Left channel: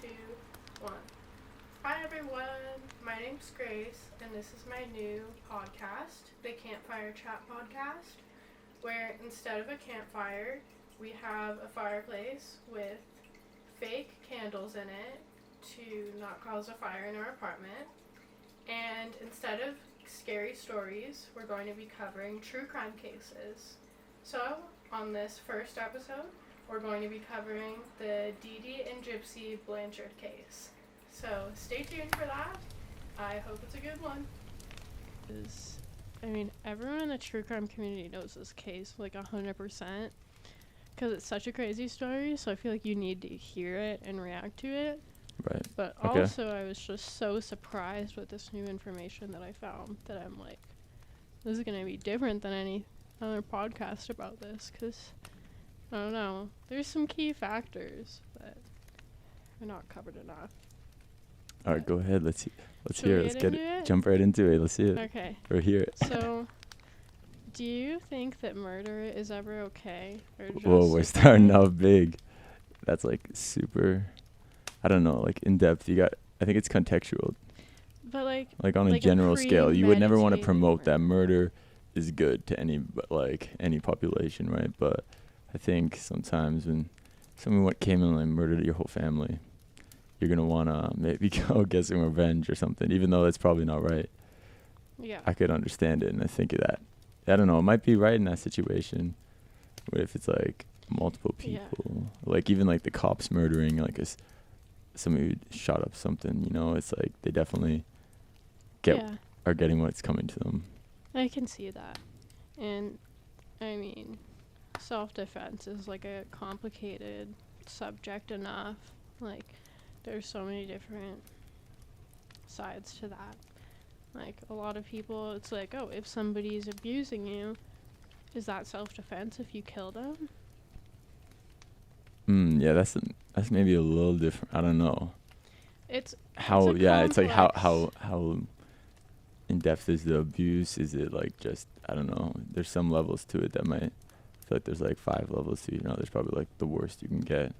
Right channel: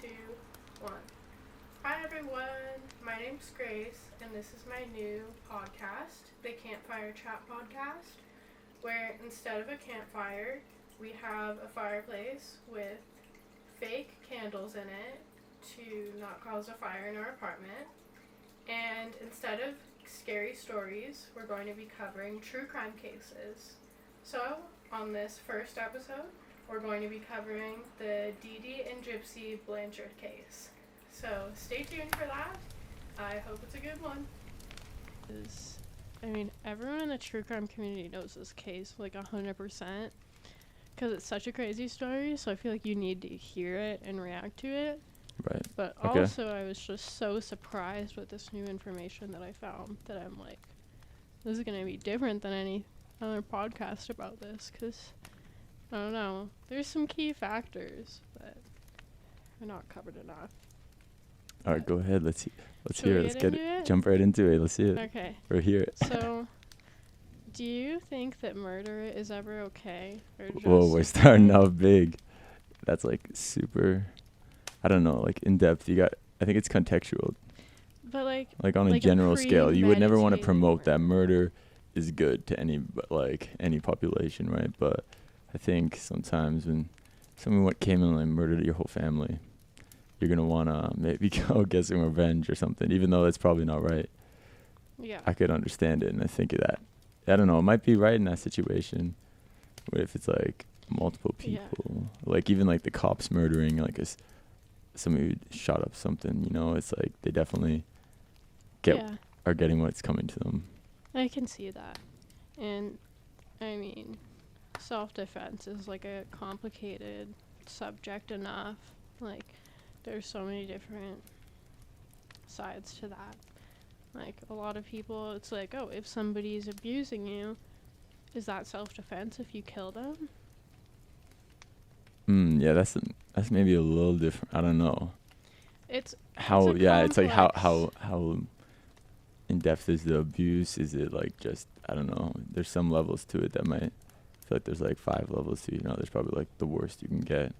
2, 1. Hi everyone, my name's Grace, and this is my new podcast, the Campfire Chat Podcast, where instead of a campfire, we have a fireplace with fake candles in it to not cause a fire in our apartment. And instead of scary stories, we're going to be covering true crime cases. So, on this first episode, we're going to be covering the Dee Dee and Gypsy Blanchard case. So, stay tuned for that. I hope it's a good one. Everyone in the true crime community knows this case, 100%. Because it's such a crazy story, so I feel like you need to hear it and react to it. Right. But okay. Also, I was just so surprised with this new information that I found that I'm like, this is going to be different than any other podcast about this, because, I don't know, there's some key factors that are not covered enough. All right, go ahead. Let's hear it. Let's get it. Jump right into it. Let's see it. Okay. Or hear it. So, do you think that murder is ever okay? Or just Whoa, we're starting out big. That's super, I don't know, in depth. I think it's contextual. But on a general scale, you would never want to promote murder. that murder is good to any population, right? But I think sometimes when someone came in and murdered your whole family, you're gonna wanna maybe go get some revenge or something, even though that's probably not right. Yeah. I could understand it, and I think that, I don't know, it might be right in that situation. But if it's multiple people, even the cops murdering somebody who shot up something, it's they definitely are getting what's coming to them. I can see that. And self-defense is a complicated subject enough. There's so many different sides to that. A lot of people, it's if somebody's abusing you, is that self-defense if you kill them? Yeah, that's maybe a little different. I don't know. It's how complex. It's how in depth is the abuse? Is it just, I don't know. There's some levels to it that might, I feel there's 5 levels to it. There's probably the worst you can get,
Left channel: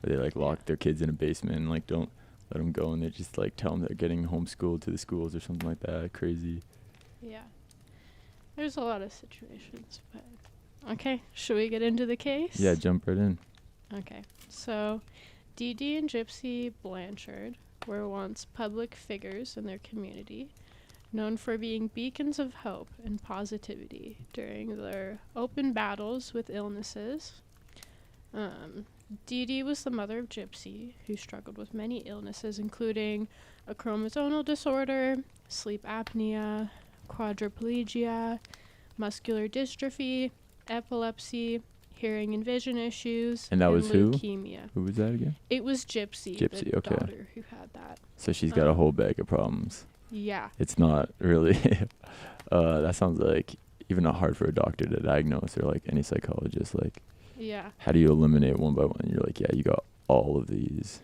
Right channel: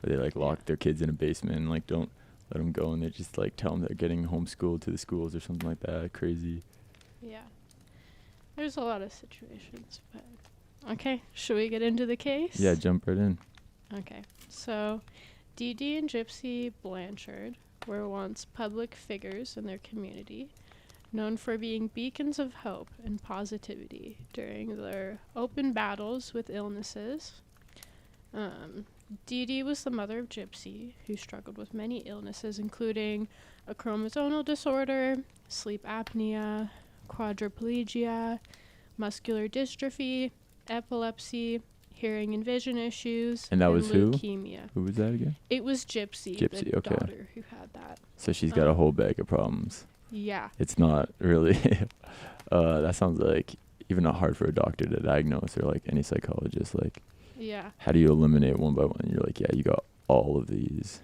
where they lock their kids in a basement and don't let them go, and they just tell them they're getting homeschooled to the schools or something like that. Crazy. Yeah. There's a lot of situations, but okay, should we get into the case? Yeah, jump right in. Okay, so Dee Dee and Gypsy Blanchard were once public figures in their community, known for being beacons of hope and positivity during their open battles with illnesses. Dee Dee was the mother of Gypsy, who struggled with many illnesses, including a chromosomal disorder, sleep apnea, quadriplegia, muscular dystrophy, epilepsy, hearing and vision issues, and that was leukemia. Who was that again? It was Gypsy, the okay. daughter who had that. So she's got a whole bag of problems. Yeah. It's not really, that sounds even not hard for a doctor to diagnose, or any psychologist. Yeah. How do you eliminate one by one? You're yeah, you got all of these.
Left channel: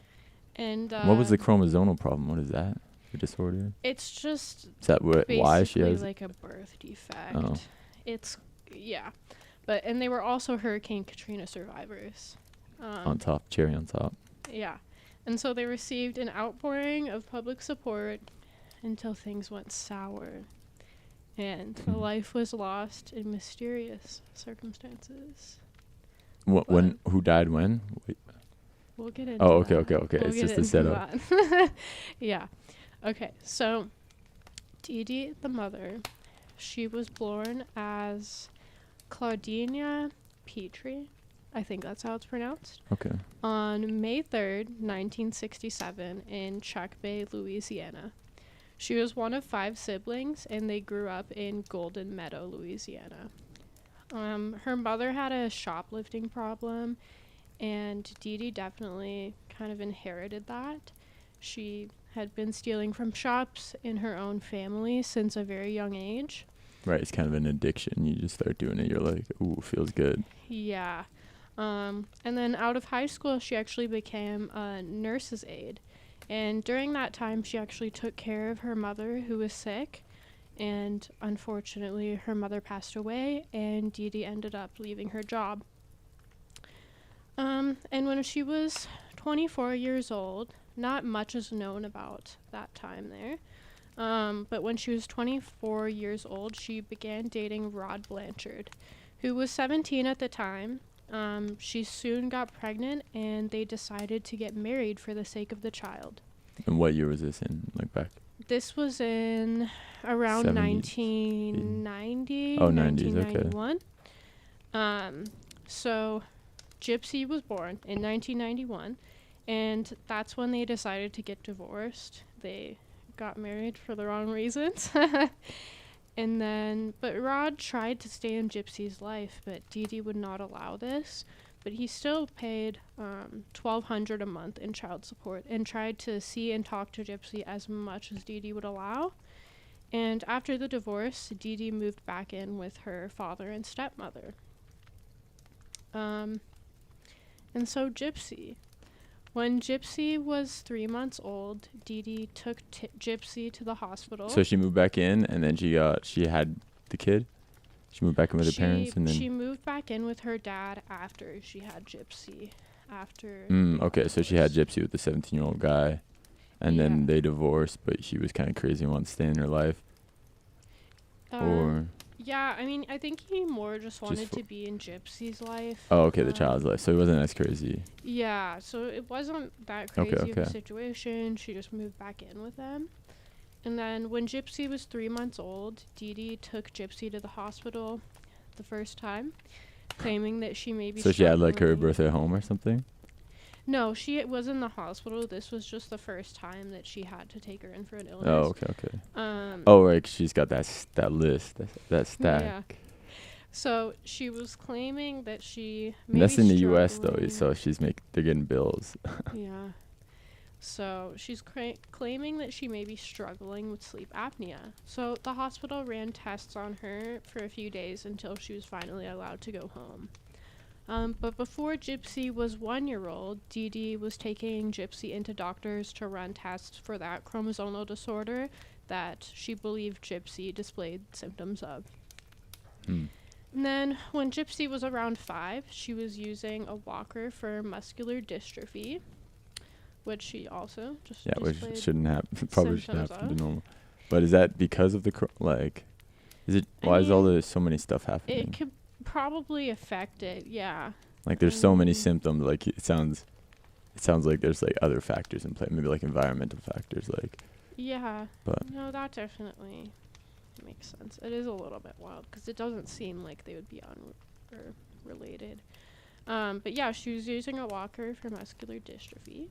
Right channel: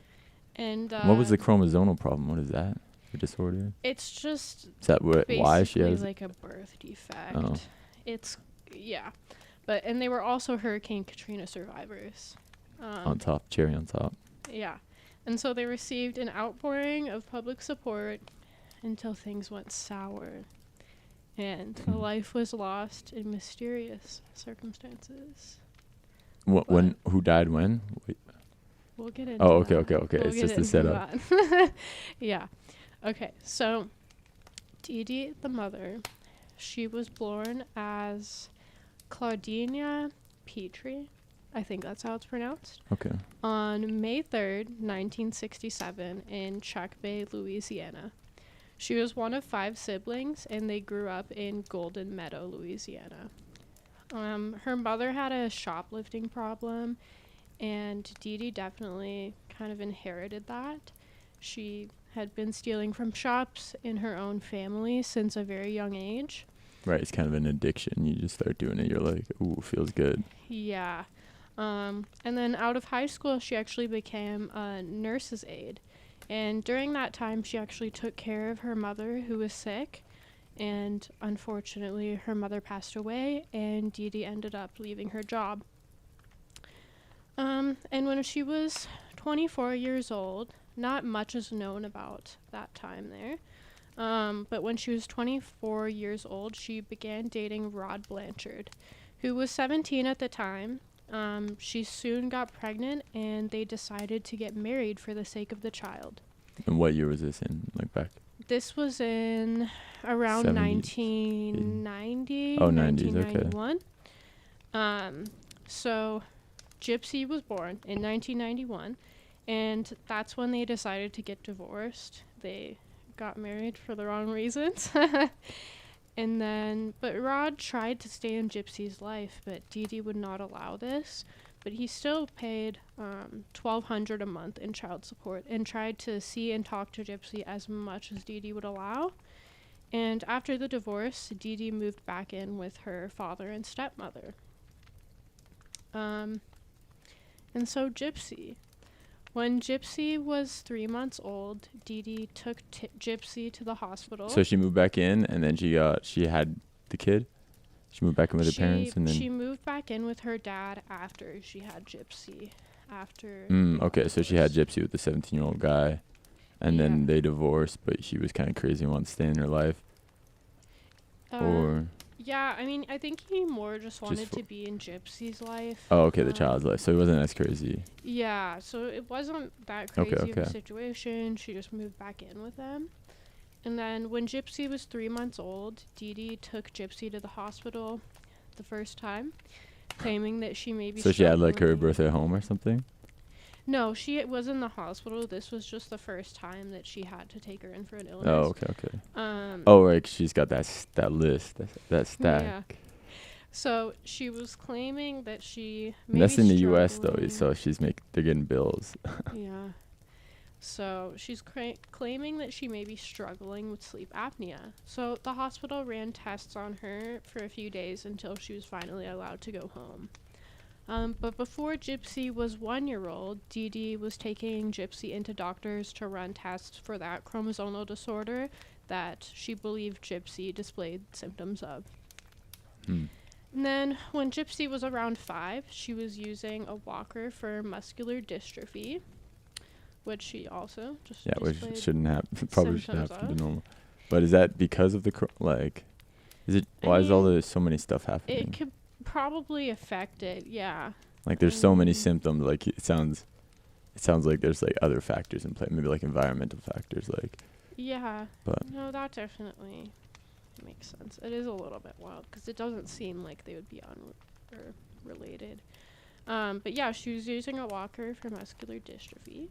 And what was the chromosomal problem? What is that? The disorder? It's just is that why she has a birth defect. Oh. It's and they were also Hurricane Katrina survivors. Cherry on top. Yeah. And so they received an outpouring of public support until things went sour. And a life was lost in mysterious circumstances. Who died when? Wait. We'll get into okay. We'll it's just a setup. Yeah. Okay, so Dee Dee, the mother, she was born as Claudina Petrie. I think that's how it's pronounced. Okay. On May 3rd, 1967, in Chuck Bay, Louisiana. She was one of 5 siblings, and they grew up in Golden Meadow, Louisiana. Her mother had a shoplifting problem, and Dee Dee definitely kind of inherited that. She had been stealing from shops in her own family since a very young age. Right, it's kind of an addiction. You just start doing it, you're ooh, feels good. Yeah. And then out of high school, she actually became a nurse's aide. And during that time, she actually took care of her mother, who was sick. And unfortunately, her mother passed away, and Dee Dee ended up leaving her job. And when she was 24 years old, not much is known about that time there. But when she was 24 years old, she began dating Rod Blanchard, who was 17 at the time. She soon got pregnant, and they decided to get married for the sake of the child. And what year was this in, like back? This was in around 1990. Oh, 90s, 1991. So Gypsy was born in 1991, and that's when they decided to get divorced. They got married for the wrong reasons. But Rod tried to stay in Gypsy's life, but Dee Dee would not allow this. But he still paid $1,200 a month in child support and tried to see and talk to Gypsy as much as Dee Dee would allow. And after the divorce, Dee Dee moved back in with her father and stepmother. And so Gypsy. When Gypsy was 3 months old, Dee Dee took Gypsy to the hospital. So she moved back in, and then she had the kid? She moved back in with her parents, and then... She moved back in with her dad after she had Gypsy. Okay, so she had Gypsy with the 17-year-old guy, and then they divorced, but she was kind of crazy and wanted to stay in her life. Yeah, I mean, I think he more just wanted to be in Gypsy's life. Oh, okay, the child's life. So it wasn't as crazy. Yeah, so it wasn't that crazy of a situation. She just moved back in with them. And then when Gypsy was 3 months old, Dee Dee took Gypsy to the hospital the first time, claiming that she may be So she had, like, her birth at home or something? No, she was in the hospital. This was just the first time that she had to take her in for an illness. Oh, okay. Oh, right, 'cause she's got that list, that stack. Yeah. So she was claiming that she And that's in the U.S. though, so they're getting bills. Yeah. So she's claiming that she may be struggling with sleep apnea. So the hospital ran tests on her for a few days until she was finally allowed to go home. But before Gypsy was 1 year old, Dee Dee was taking Gypsy into doctors to run tests for that chromosomal disorder that she believed Gypsy displayed symptoms of. And then when Gypsy was around 5, she was using a walker for muscular dystrophy, which she also just which shouldn't happen. Probably should happen to normal. But is that because of the why is so many stuff happening? It could probably affect it, yeah. Like there's so many symptoms. Like it sounds like there's like other factors in play, maybe like environmental factors, like. Yeah. But no, that definitely makes sense. It is a little bit wild because it doesn't seem like they would be related. But yeah, she was using a walker for muscular dystrophy.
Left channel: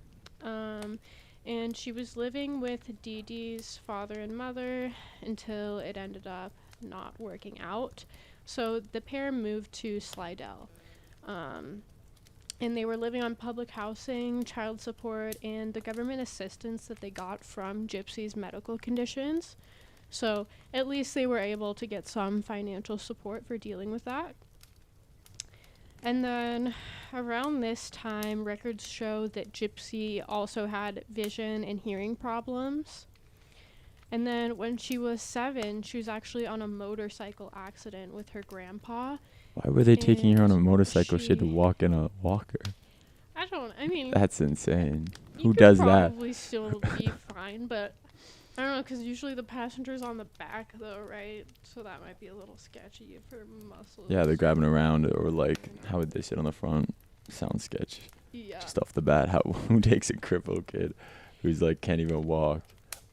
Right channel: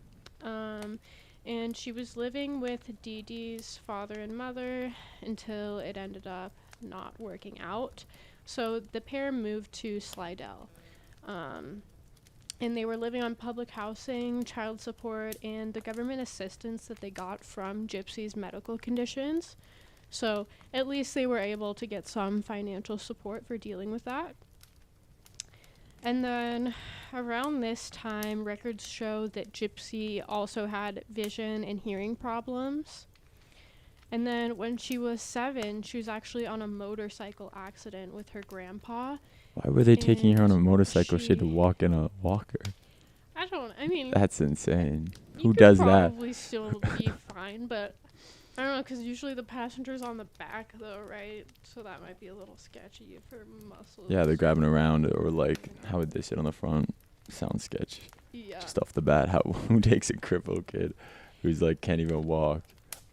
And she was living with Dee Dee's father and mother until it ended up not working out. So the pair moved to Slidell. And they were living on public housing, child support, and the government assistance that they got from Gypsy's medical conditions. So at least they were able to get some financial support for dealing with that. And then around this time, records show that Gypsy also had vision and hearing problems. And then when she was 7, she was actually on a motorcycle accident with her grandpa. Why were they taking her on a motorcycle? She had to walk in a walker. I mean... That's insane. Who does that? Probably still be fine, but I don't know, because usually the passenger's on the back, though, right? So that might be a little sketchy for muscles. Yeah, they're grabbing around, or like, how would they sit on the front? Sounds sketchy. Yeah. Just off the bat, who takes a crippled kid who's like can't even walk,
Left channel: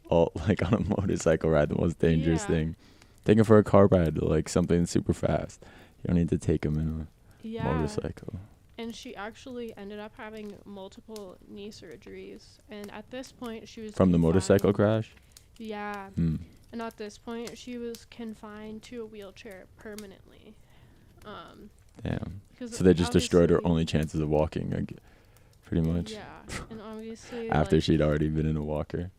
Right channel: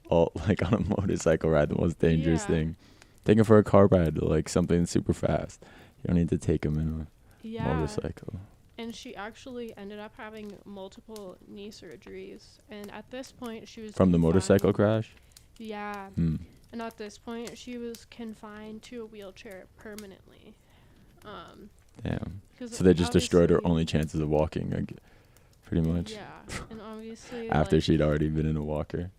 all like on a motorcycle ride, the most dangerous thing. Take him for a car ride, like something super fast. You don't need to take him in a motorcycle. And she actually ended up having multiple knee surgeries, and at this point she was from the motorcycle crash. Yeah. And at this point she was confined to a wheelchair permanently. Damn. So they just destroyed her only chances of walking, like, pretty much. Yeah, and obviously after she'd already been in a walker.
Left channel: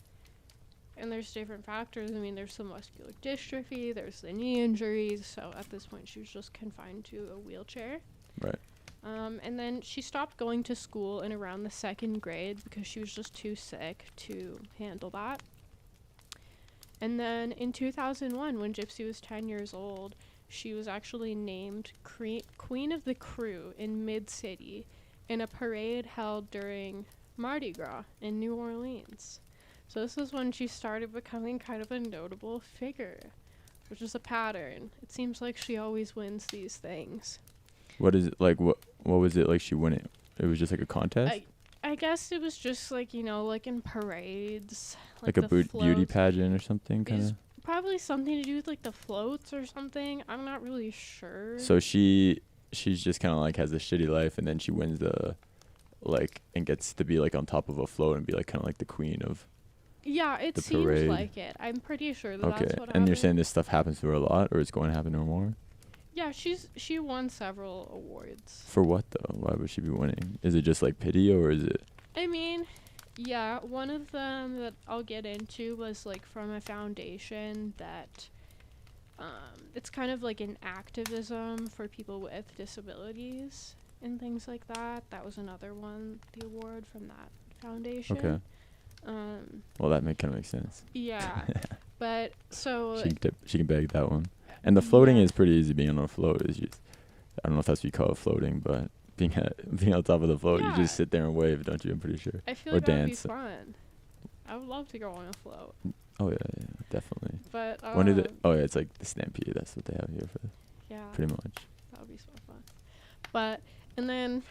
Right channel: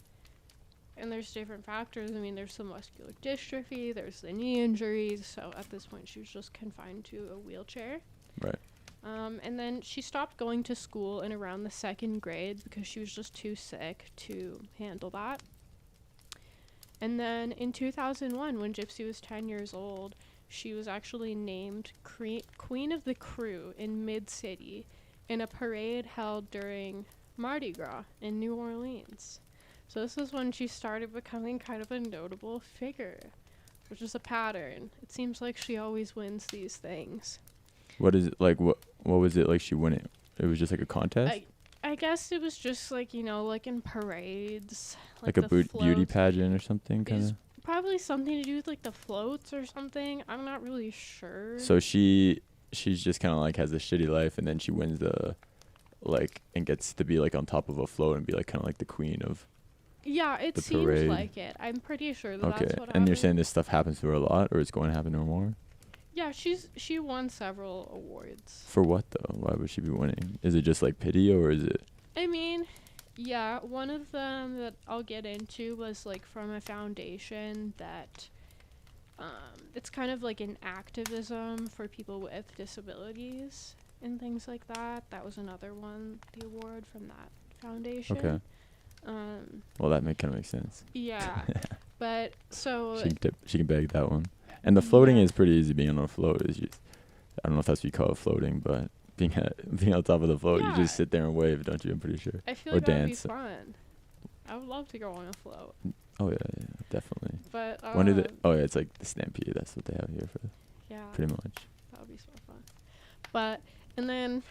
And there's different factors. I mean, there's some muscular dystrophy, there's the knee injuries. So at this point, she was just confined to a wheelchair. Right. And then she stopped going to school in around the 2nd grade because she was just too sick to handle that. And then in 2001, when Gypsy was 10 years old, she was actually named Queen of the Crew in Mid-City in a parade held during Mardi Gras in New Orleans. So this is when she started becoming kind of a notable figure, which is a pattern. It seems like she always wins these things. What is it like? What was it like? She won it. It was just like a contest. I guess it was just like, like in parades, like a beauty pageant or something, kind of. Probably something to do with like the floats or something. I'm not really sure. So she's just kind of like has a shitty life, and then she wins the and gets to be like on top of a float and be like kind of like the queen of. Yeah, it seems parade. like it. I'm pretty sure that that's what happened. And you're saying this stuff happens to her a lot, or it's going to happen to her more? Yeah, she won several awards. For what though? Why would she be winning? Is it just like pity, or is it? I mean, yeah, one of them that I'll get into was like from a foundation that it's kind of like an activism for people with disabilities and things like that. That was another one, the award from that foundation. Okay. Well, that kind of makes sense. Yeah, but so she can bag that one. And the floating is pretty easy. Being on a float is just, I don't know if that's what you call it, floating, but being on top of the float, you just sit there and wave, don't you? I'm pretty sure. I feel like that would be fun. I would love to go on a float. Oh yeah, definitely. But when did it? Oh yeah, it's like the Stampede. That's what they have here for. Yeah. Pretty much. That would be so fun. But and then,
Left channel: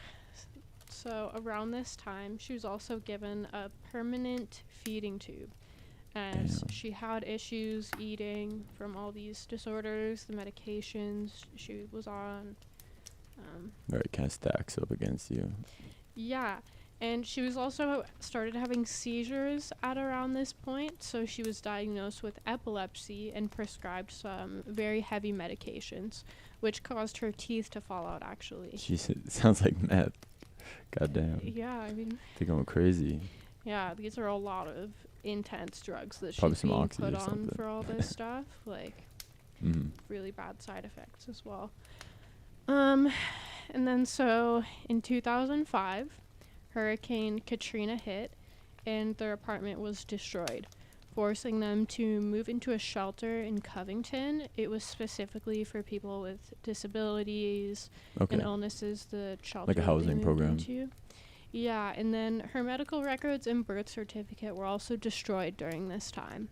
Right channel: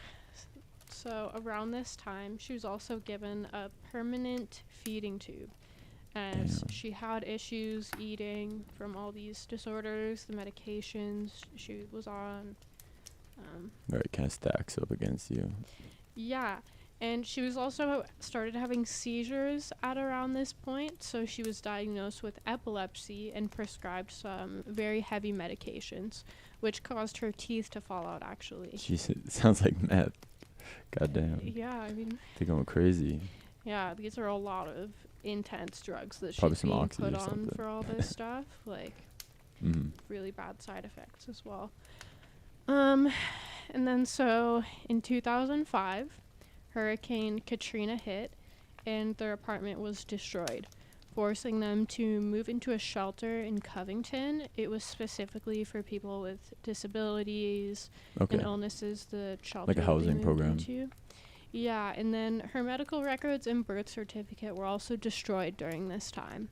so around this time, she was also given a permanent feeding tube, as she had issues eating from all these disorders, the medications she was on. Right, kind of stacks up against you. Yeah. And she was also started having seizures at around this point, so she was diagnosed with epilepsy and prescribed some very heavy medications, which caused her teeth to fall out, actually. Jeez, it sounds like meth. Goddamn. Yeah, I mean... They're going crazy. Yeah, these are a lot of intense drugs that probably she's being put on for all this stuff. Like, really bad side effects as well. And then so, in 2005... Hurricane Katrina hit, and their apartment was destroyed, forcing them to move into a shelter in Covington. It was specifically for people with disabilities and illnesses. The shelter, like a housing program. Yeah, and then her medical records and birth certificate were also destroyed during this time,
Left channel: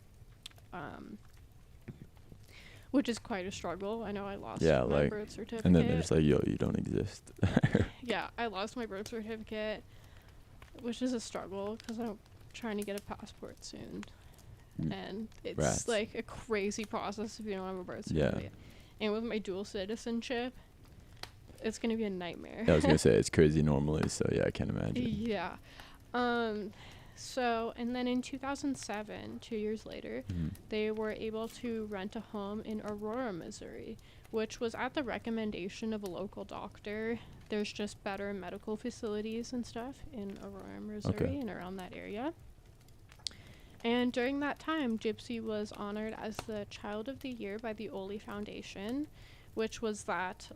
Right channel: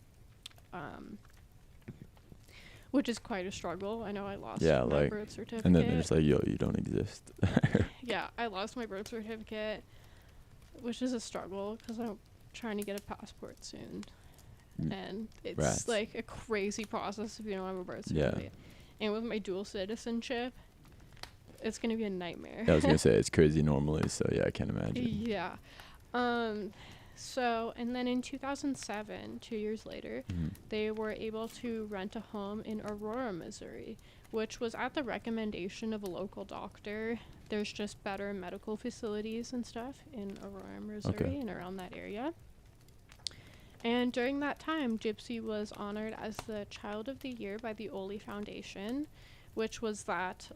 which is quite a struggle. I know I lost my birth certificate. And then they're just like, yo, you don't exist. Yeah, I lost my birth certificate, which is a struggle because I'm trying to get a passport soon. And it's like a crazy process if you don't have a birth certificate. Yeah. And with my dual citizenship, it's going to be a nightmare. Yeah, I was going to say, it's crazy normally, so yeah, I can't imagine. Yeah. So, and then in 2007, 2 years later, they were able to rent a home in Aurora, Missouri, which was at the recommendation of a local doctor. There's just better medical facilities and stuff in Aurora, Missouri and around that area. And during that time, Gypsy was honored as the Child of the Year by the Oli Foundation, which was that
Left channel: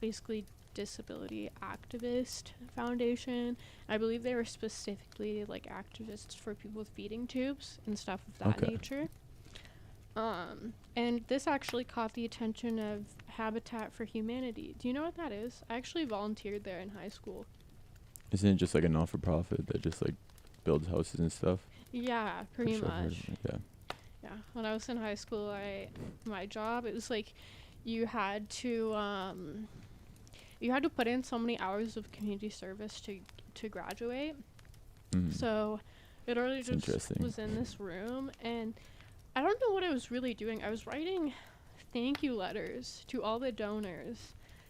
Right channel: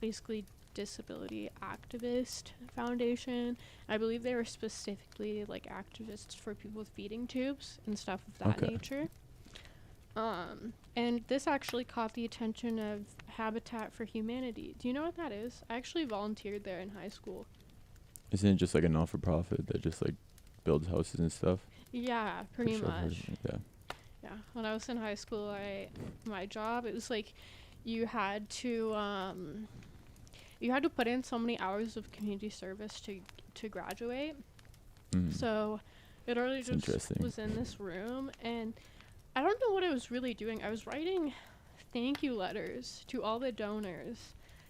basically disability activist foundation. I believe they were specifically like activists for people with feeding tubes and stuff of that nature. And this actually caught the attention of Habitat for Humanity. Do you know what that is? I actually volunteered there in high school. Isn't it just like a not-for-profit that just like builds houses and stuff? Yeah, pretty much. Yeah. When I was in high school, my job, it was like you had to put in so many hours of community service to graduate. So it already just was in this room, and I don't know what I was really doing. I was writing thank you letters to all the donors.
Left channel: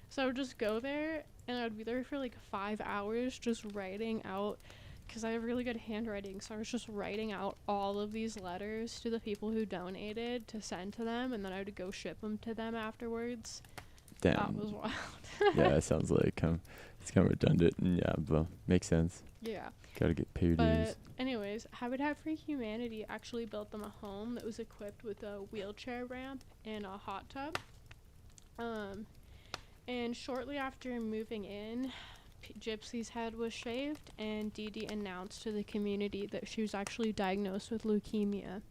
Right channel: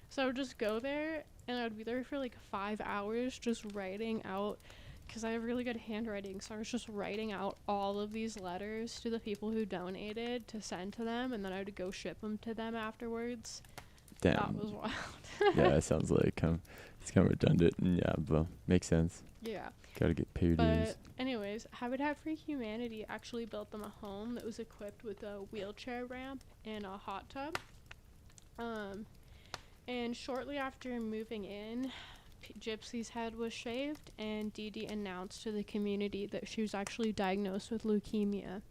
So I would just go there, and I would be there for like 5 hours just writing out, because I have really good handwriting, so I was just writing out all of these letters to the people who donated to send to them, and then I would go ship them to them afterwards. Damn. That was wild. Yeah, it sounds like it's kind of redundant, and yeah, but makes sense. Yeah. Gotta get paid dues. But anyways, Habitat for Humanity actually built them a home that was equipped with a wheelchair ramp and a hot tub. And shortly after moving in, Gypsy's head was shaved, and Dee Dee announced to the community that she was actually diagnosed with leukemia.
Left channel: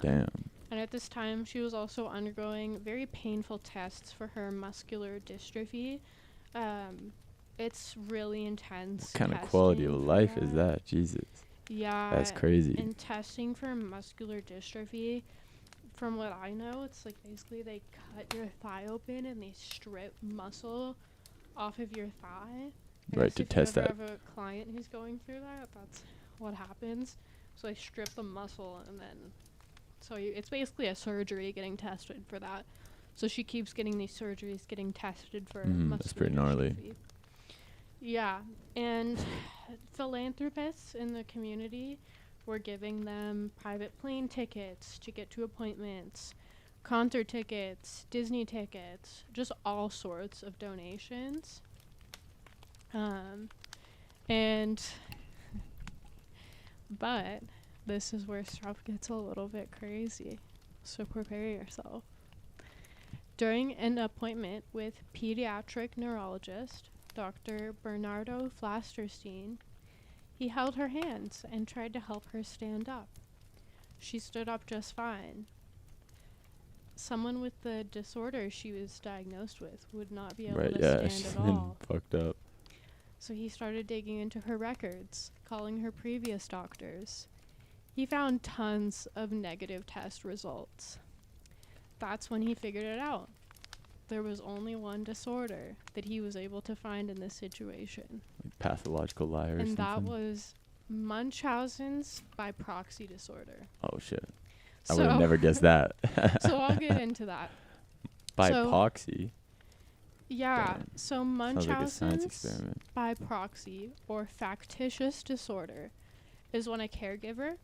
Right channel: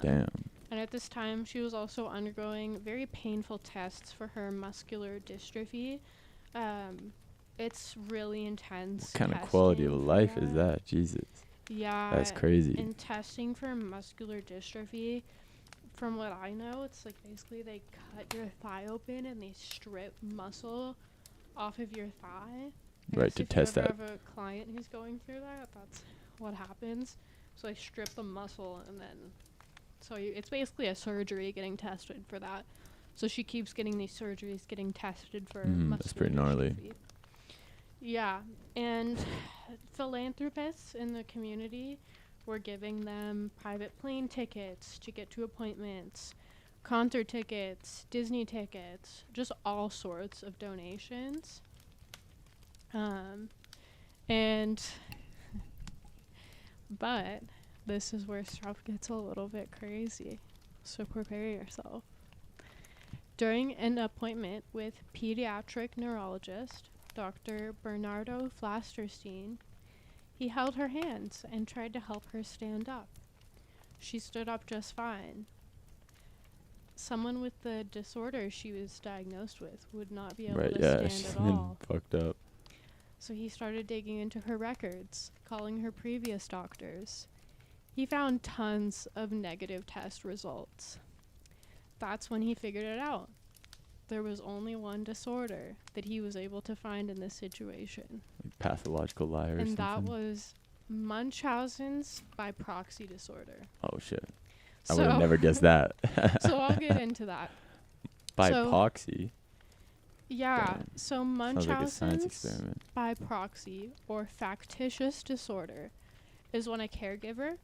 Damn. And at this time, she was also undergoing very painful tests for her muscular dystrophy. it's really intense. What kind of quality of testing life for is that? Jesus. Yeah. That's crazy. And testing for muscular dystrophy, from what I know, it's like basically they cut your thigh open and they strip muscle off of your thigh. Right, to test that. If you ever have a client who's going through that, that's what happens. So they strip the muscle and then, it's basically a surgery getting tested for that. So she keeps getting these surgeries, getting tested for muscular that's pretty gnarly. dystrophy. Yeah, and philanthropists in the community were giving them private plane tickets to get to appointments, concert tickets, Disney tickets, just all sorts of donations. But this is where stuff gets a little bit crazy, so prepare yourself. During an appointment with pediatric neurologist Dr. Bernardo Flasterstein, he held her hands and tried to help her stand up. She stood up just fine. Someone with the disorder she was diagnosed with would not be able to stand at all. Fucked up. So he started digging into her records, calling her previous doctors. He found tons of negative test results. That's when he figured it out. There was only one disorder that he was able to find in this situation. Like pathological liar or something? And that was Munchausen's by proxy disorder. Oh, shit. I would have never guessed that. So I'll get into that. By proxy? Yeah. Damn. So Munchausen's like a science experiment. by proxy or factitious disorder is when a caregiver,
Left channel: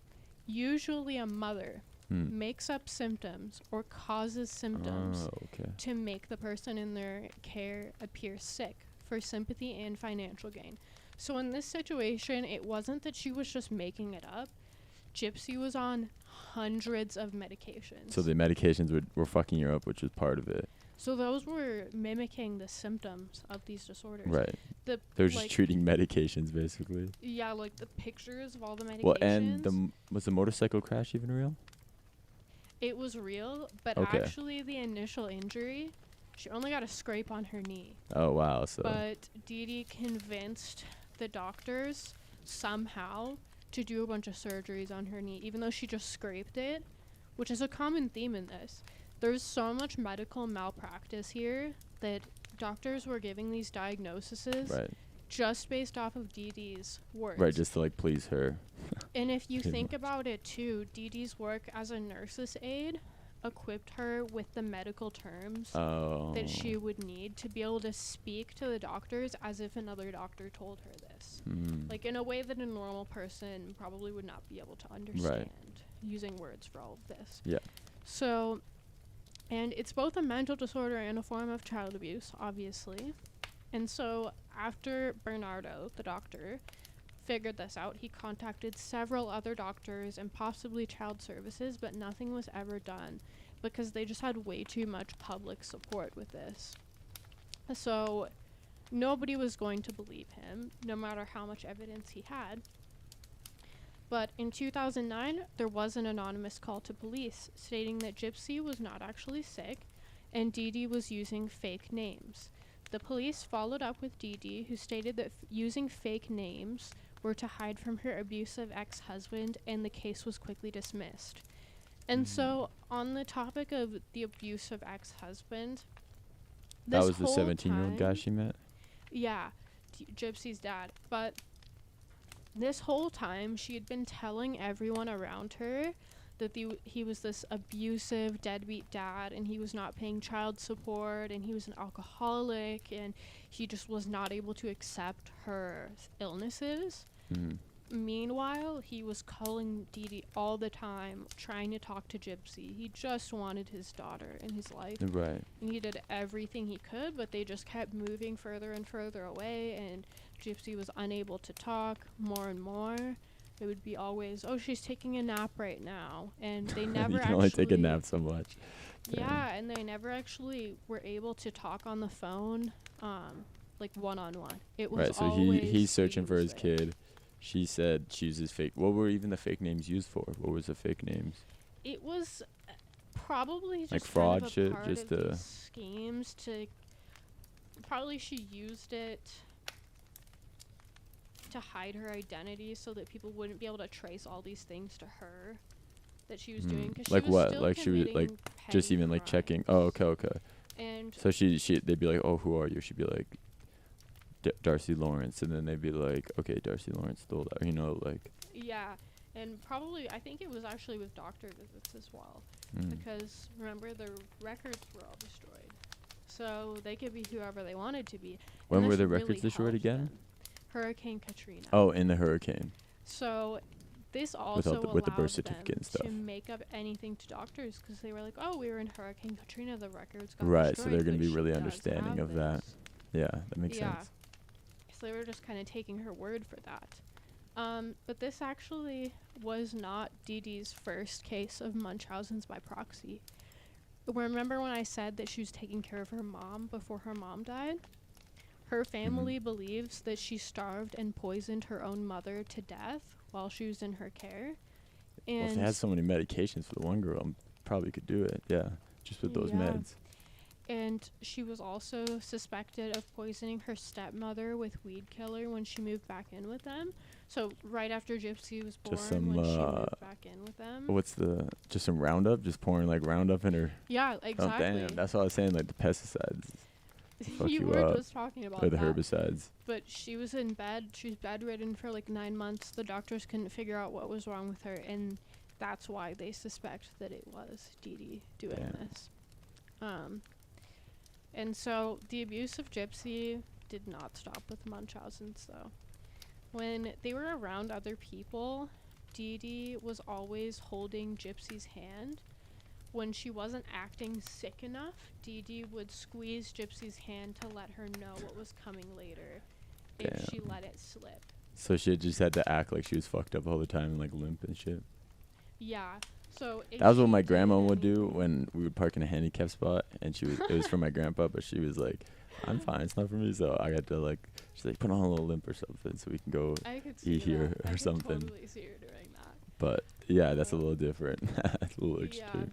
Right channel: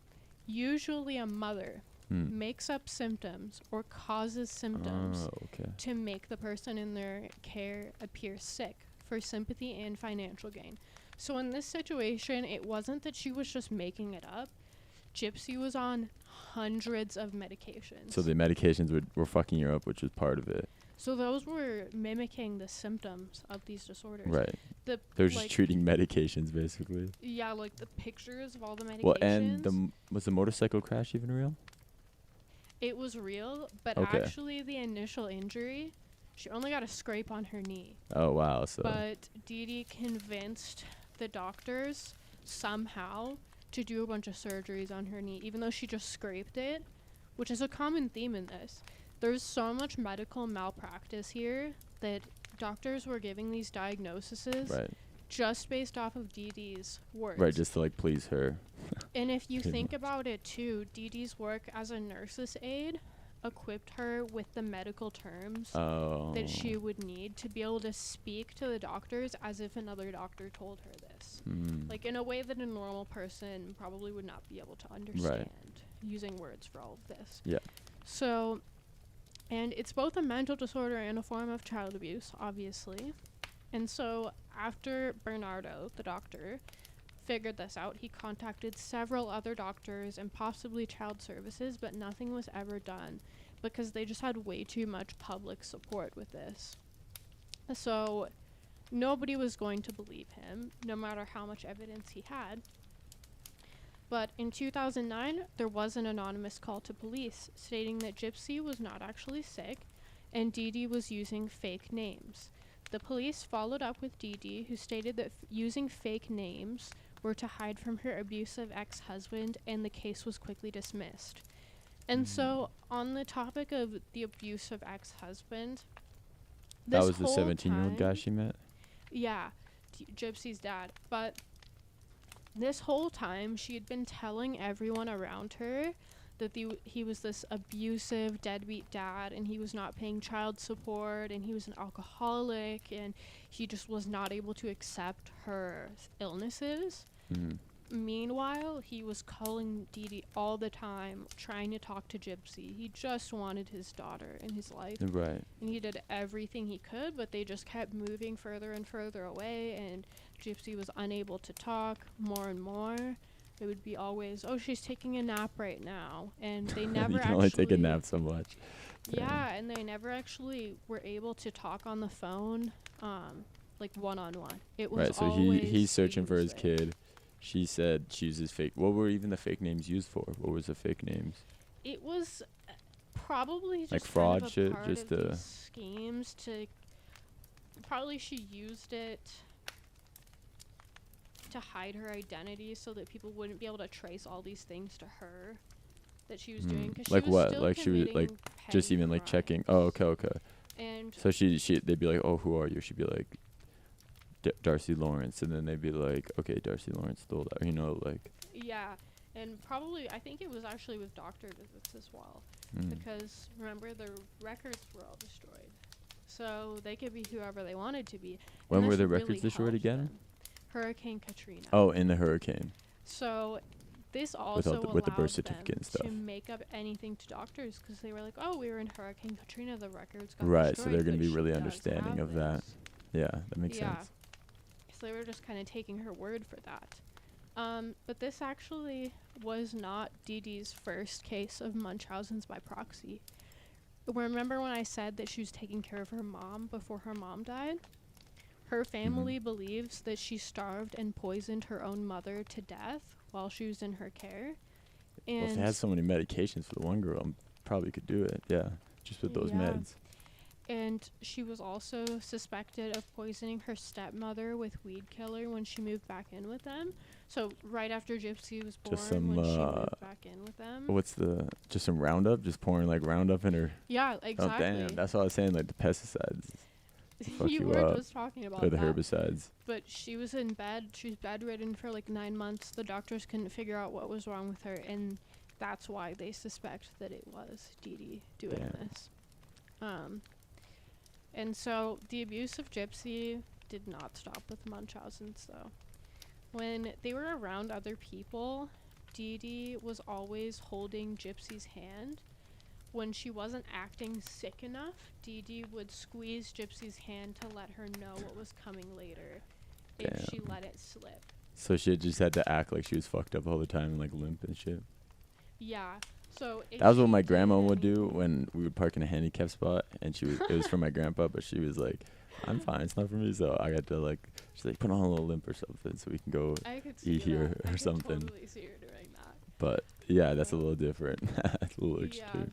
usually a mother, makes up symptoms or causes symptoms to make the person in their care appear sick for sympathy and financial gain. So in this situation, it wasn't that she was just making it up. Gypsy was on hundreds of medications. So the medications were fucking her up, which was part of it. So those were mimicking the symptoms of these disorders. Right. They're just treating medications, basically. Yeah, like the pictures of all the medications. Well, and was the motorcycle crash even real? It was real, but actually the initial injury, she only got a scrape on her knee. Oh, wow. So. But Dee Dee convinced the doctors somehow to do a bunch of surgeries on her knee, even though she just scraped it, which is a common theme in this. There's so much medical malpractice here that doctors were giving these diagnoses just based off of Dee Dee's work. Right, just to, like, please her. And if you think about it, too, Dee Dee's work as a nurse's aide equipped her with the medical terms that she would need to be able to speak to the doctors as if another doctor told her this. Like, in a way that a normal person probably would not be able to understand, using words for all of this. Yeah. So, and it's both a mental disorder and a form of child abuse, obviously. And so, after Bernardo, the doctor, figured this out, he contacted several other doctors and possibly child services, but nothing was ever done because they just had way too much public support with this. So nobody was going to believe him, no matter how much evidence he had. But in 2009, there was an anonymous call to police stating that Gypsy was not actually sick and Dee Dee was using fake names. The police followed up with Dee Dee, who stated that using fake names were to hide from her abusive ex-husband, and the case was quickly dismissed. And so, on the topic of the abusive ex-husband, that was the 17-year-old guy she met? Yeah, Gypsy's dad. But this whole time, she had been telling everyone around her that he was this abusive, deadbeat dad, and he was not paying child support, and he was an alcoholic, and he just was not able to accept her illnesses. Meanwhile, he was calling Dee Dee all the time, trying to talk to Gypsy. He just wanted his daughter in his life. Right. And he did everything he could, but they just kept moving further and further away, and Gypsy was unable to talk more and more. It would be always, oh, she's taking a nap right now. And they never you can only take a nap so much. Yeah, and they never actually were able to talk on the phone, like one-on-one. It was right, so he's searching for his kid. She said she uses fake. What were even the fake names used for? What was the fake names? It was probably just like fraud kind of shit, just schemes to. Probably she used it to hide her identity so that people wouldn't be able to trace all these things to her that she was doing. Cause Like she was what? still Like she was like just petty even like crimes. checking. Oh, okay. And So they'd be like, oh, who are you? She'd be like, Darcy Lawrence, and then they'd be like, okay, Darcy Lawrence stole that, you know, like. yeah, and probably I think it was actually with doctor visits as well, because remember the records were all destroyed, so they could be whoever they wanted to be. When And were this the records really destroyed helped again? them. Hurricane Katrina. Oh, in the hurricane. So this also with the allowed birth certificate and them stuff. to make up anything to doctors, because they were like, oh, we were in Hurricane Katrina, the records got Right, so destroyed, they're gonna but be she really does understanding have of that. this. Yeah, that makes Yeah. sense. So they were just kind of taking her word for that. But this actually was not Dee Dee's first case of Munchausen's by proxy. Remember when I said that she was taking care of her mom before her mom died? Her family believes that she starved and poisoned her own mother to death while she was in her care. Well, if And they had so many medications for the one girl, probably could do it. Yeah, just with those Yeah. meds. And she was also suspected of poisoning her stepmother with weed killer when she moved back in with them. So right after Gypsy was born, Just some, when she moved back in with them. Just some Roundup? Just pouring like Roundup in her. Yeah, exactly. Oh, damn. That's what I was saying, like the pesticides. fuck you you were up. just talking about Or the that. herbicides. But she was in bed. She was bedridden for like 9 months. The doctors couldn't figure out what was wrong with her, and that's why they suspect that it was Dee Dee doing Damn. this. And so the abuse of Gypsy did not stop with Munchausen's, though. When they were around other people, Dee Dee was always holding Gypsy's hand. When she wasn't acting sick enough, Dee Dee would squeeze Gypsy's hand to let her know what was coming later if she let it slip. So she just had to act like she was fucked up all the time and like limp and shit. Yeah. So That was what she my did grandma would do anything- when we would park in a handicap spot, and it was for my grandpa, but she was like, I'm fine, it's not for me, so I had to like, she's like, put on a little limp or something so we can go I could see eat here that. or I could something. totally see her doing that. But yeah, that's a little different. That's a little Yeah. extreme.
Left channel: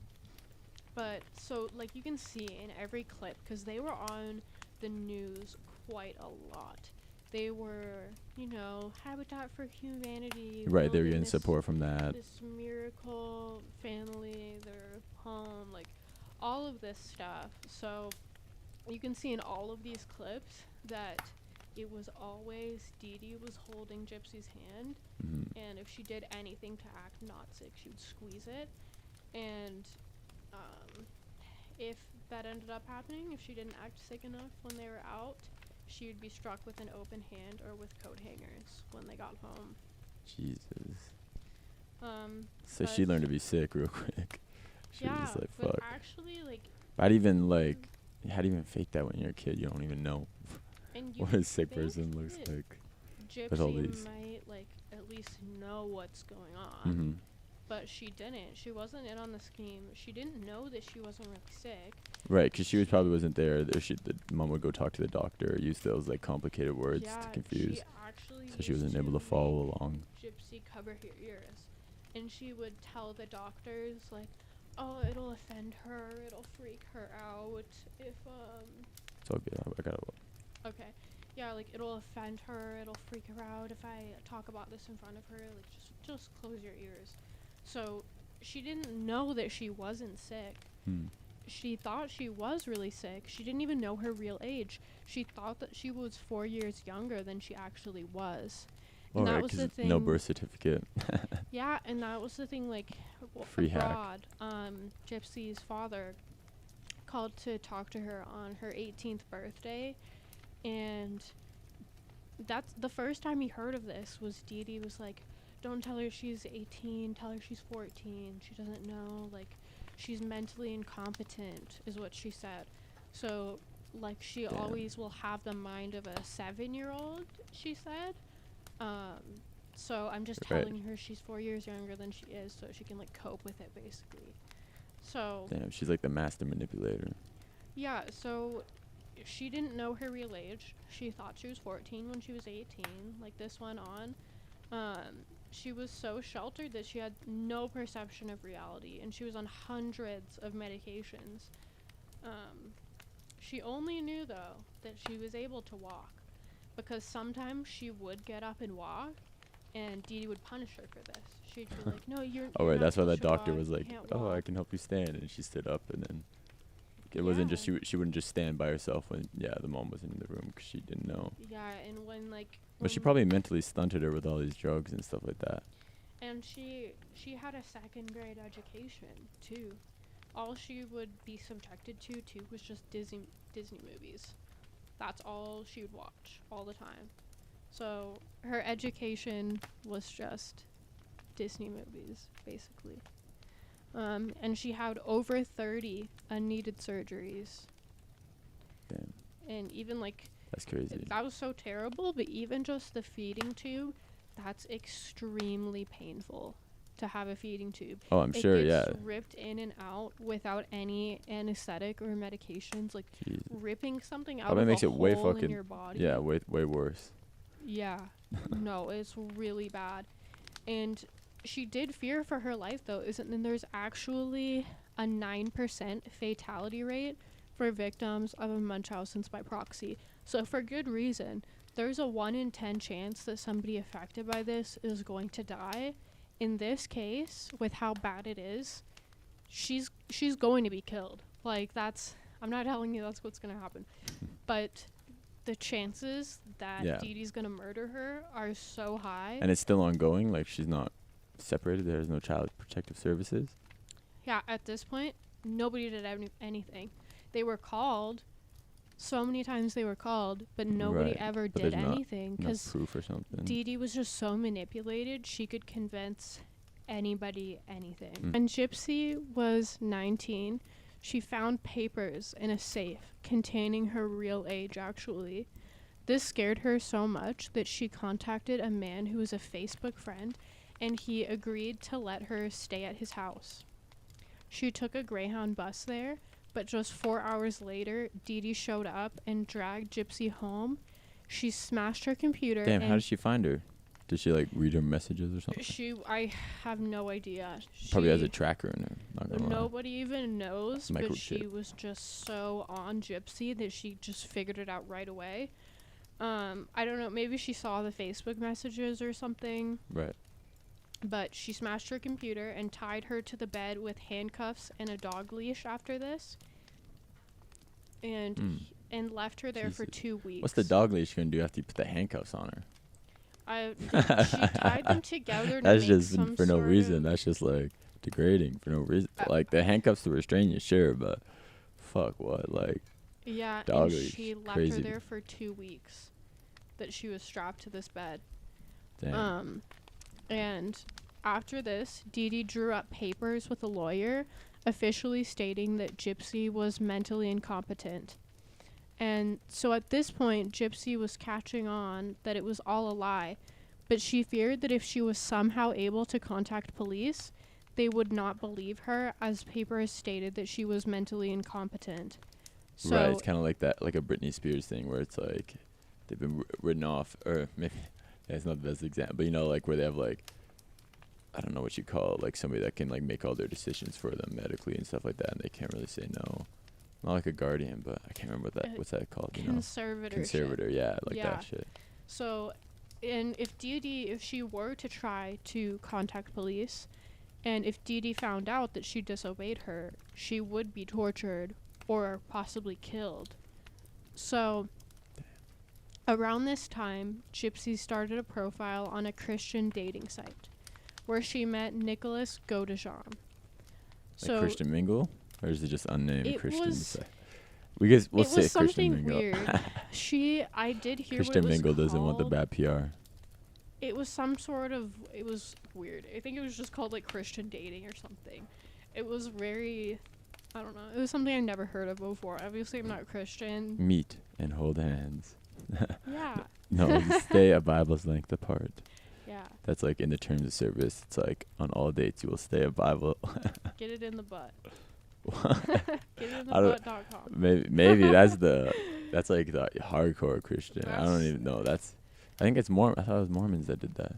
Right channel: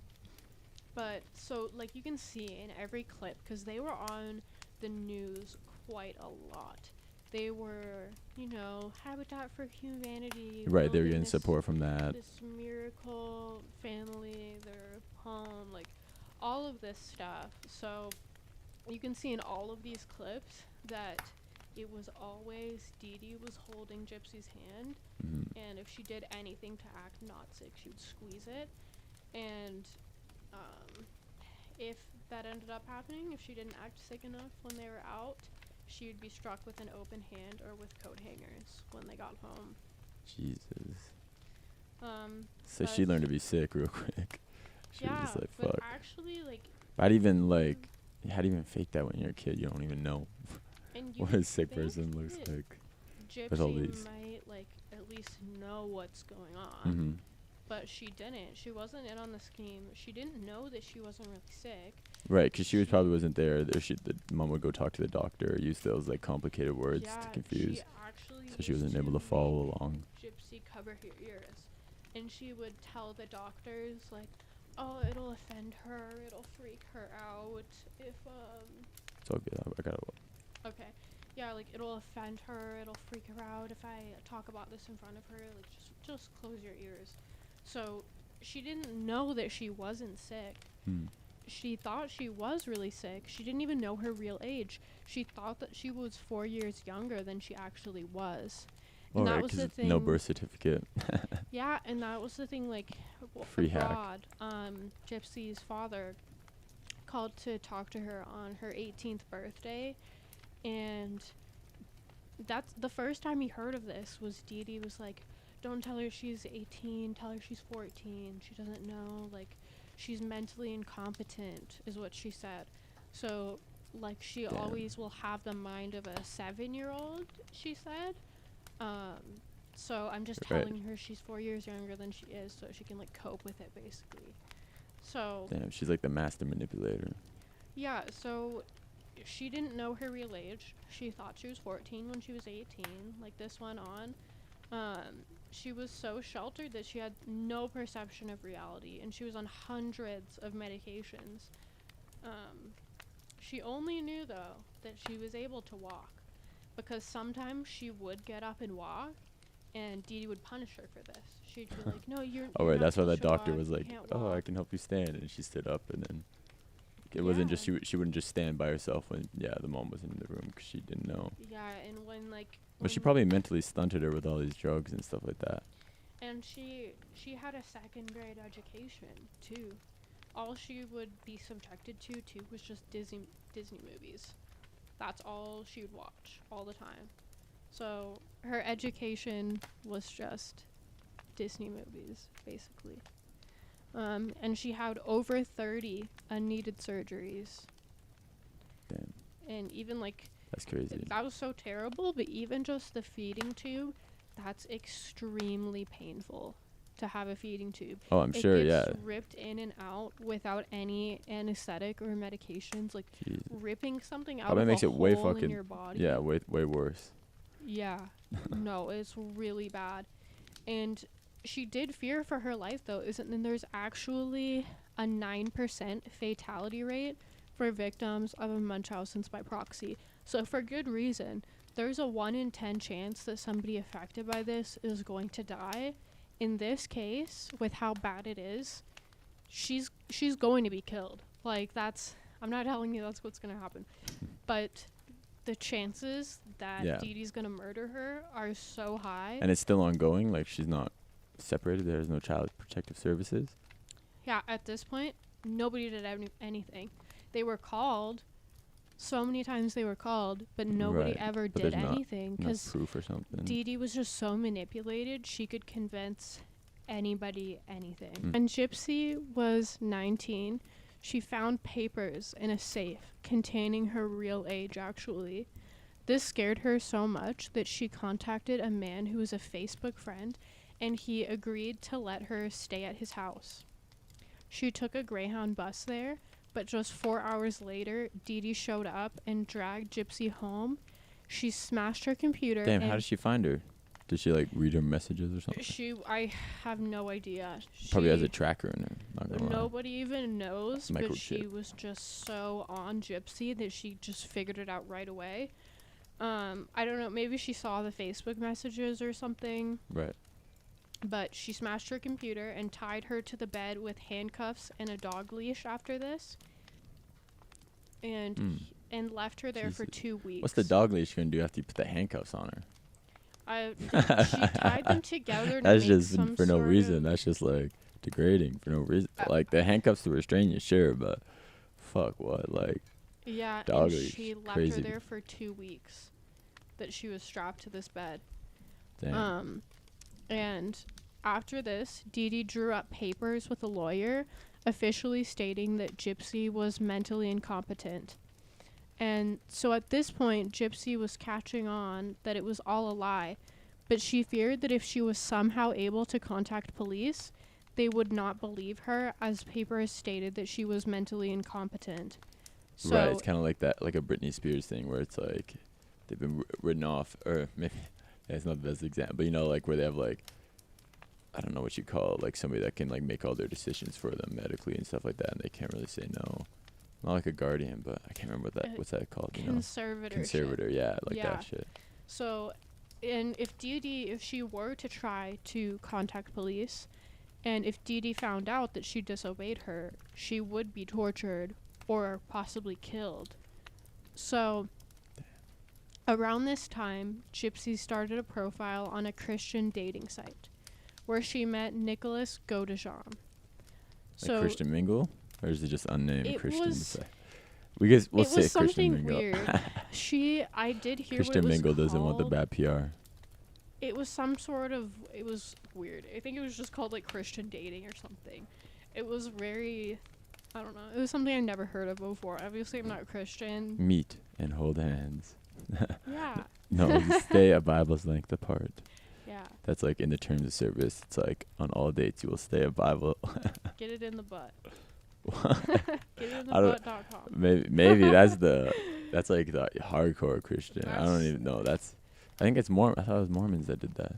But so like you can see in every clip, because they were on the news quite a lot. They were, Habitat for Humanity. Right, they were building getting this- support from that. This miracle family, their home, like all of this stuff. So you can see in all of these clips that it was always Dee Dee was holding Gypsy's hand, and if she did anything to act not sick, she would squeeze it. And if that ended up happening, if she didn't act sick enough when they were out, she would be struck with an open hand or with coat hangers when they got home. Jesus. So but- she learned to be sick real quick. She was Yeah, just like, but fuck. actually, like, How do you even fake that when you're a kid? You don't even know and you what a sick think person looks that like. with all Gypsy these. might, like, at least know what's going on. Mm-hmm. But she didn't. She wasn't in on the scheme. She didn't know that she wasn't really sick. Right, because she probably wasn't there. The mom would go talk to the doctor, use those like complicated words Yeah, to confuse, she actually so she used wasn't able to make follow along. Gypsy cover her ears, and she would tell the doctors like, "Oh, it'll offend her. It'll freak her out if It's all good. I gotta. Okay. Yeah, like it'll offend her. It'll freak her out if I talk about this in front of her. Like just close your ears." So she didn't know that she wasn't sick. She thought she was really sick. She didn't even know her real age. She thought that she was 4 years younger than she actually was. And that was the thing. No birth certificate. Yeah, and that was the thing, like, Free hack. abroad, Gypsy's father called to talk to her on her 18th birthday, and that's the first time he heard of this. Was Dee Dee was like, don't tell her she's 18, tell her she's 14, she doesn't know, like, she's mentally incompetent, is what she said. So, like, she Damn. always will have the mind of a 7-year-old, she said. So I'm just Right. telling her she's 4 years younger than she is, so she can, like, cope with it, basically. So Damn, she's like the master manipulator. yeah, so she didn't know her real age. She thought she was 14 when she was 18. Like, this went on. She was so sheltered that she had no perception of reality, and she was on hundreds of medications. She only knew, though, that she was able to walk. because sometimes she would get up and walk, and Dee Dee would punish her for this. She'd be like, "No, you're." Oh, you're right. not That's why that supposed to doctor walk, was you like, can't "Oh, I walk." can help you stand," and she stood up, and then it wasn't just she wouldn't just stand by herself when the mom wasn't in the room because she didn't know. Yeah, and when like. But she probably mentally stunted her with all these drugs and stuff like that. And she had a second grade education too. All she would be subjected to too was just Disney movies. That's all she would watch all the time. So her education was just Disney movies, basically. And she had over 30 unneeded surgeries. Damn. And even like That's crazy. that was so terrible, but even just the feeding tube, that's extremely painful to have a feeding tube. Oh, I'm sure, yeah. It gets ripped in and out without any anesthetic or medications. Like, Jesus. ripping something out Probably of makes a it way hole in fucking your body. Yeah, way worse. Yeah. No, it's really bad. And she did fear for her life, though. And there's actually a 9% fatality rate for victims of a Munchausen's by proxy. So for good reason. There's a 1 in 10 chance that somebody affected by this is going to die. In this case, with how bad it is, she's going to be killed. Like, I'm not telling you that's what's going to happen. But the chances that Dee Dee's going to murder her are so high. And it's still ongoing? Like, she's not separated? There's no child protective services? Yeah, at this point, nobody did anything. They were called. So many times they were called, but nobody ever did anything because proof or something. Dee Dee was just so manipulated. She could convince anybody anything. When Gypsy was 19, she found papers in a safe containing her real age, actually. This scared her so much that she contacted a man who was a Facebook friend, and he agreed to let her stay at his house. She took a Greyhound bus there. But just 4 hours later, Dee Dee showed up and dragged Gypsy home. She smashed her computer. Damn, how did she find her? Did she, like, read her messages or something? I have no idea. Probably has a tracker in her. Not gonna nobody even knows, but she Microchip. was just so on Gypsy that she just figured it out right away. I don't know, maybe she saw the Facebook messages or something. Right. But she smashed her computer and tied her to the bed with handcuffs and a dog leash after this. And left her there for 2 weeks. What's the dog leash going to do after you put the handcuffs on her? She tied them together to That's make just some for no sort reason. of That's just, like, degrading for no reason. Like, the handcuffs to restrain you, sure, but fuck what? Like, yeah, dog and leash. she left Crazy. her there for 2 weeks that she was strapped to this bed. damn. And after this, Dee Dee drew up papers with a lawyer officially stating that Gypsy was mentally incompetent. And so at this point, Gypsy was catching on that it was all a lie, but she feared that if she was somehow able to contact police, they would not believe her, as papers stated that she was mentally incompetent. So Right, it's kind of like that, like a Britney Spears thing where it's like they've been written off, or maybe it's not the best example, but you know, like where they have like, I don't know what you call it, like somebody that can like make all their decisions for them medically and stuff like that, and they can't really say no. Not like a guardian, but I can't remember what's that called? Conservator, yeah, like that shit. So, and if she were to try to contact police, and if Dee Dee found out that she disobeyed her, she would be tortured or possibly killed. So, around this time, Gypsy started a profile on a Christian dating site, where she met Nicholas Godejean. Like Christian Mingle? Or is it just unnamed Christian? We'll say Christian something Mingle. Weird. I did hear Christian what it was Mingle doesn't want the called. bad PR. It was it was weird. I think it was just called like Christian dating or something. It was very, I don't know. It was something I've never heard of before. Obviously, I'm not Christian. Meet and hold hands. Yeah. No, stay a Bible's length apart. Yeah. That's like in the terms of service. It's like on all dates you will stay a Bible. Get it in the butt. GetItInTheButt.com. Maybe that's like the hardcore Christian. I don't even know. I think it's I thought it was Mormons that did that.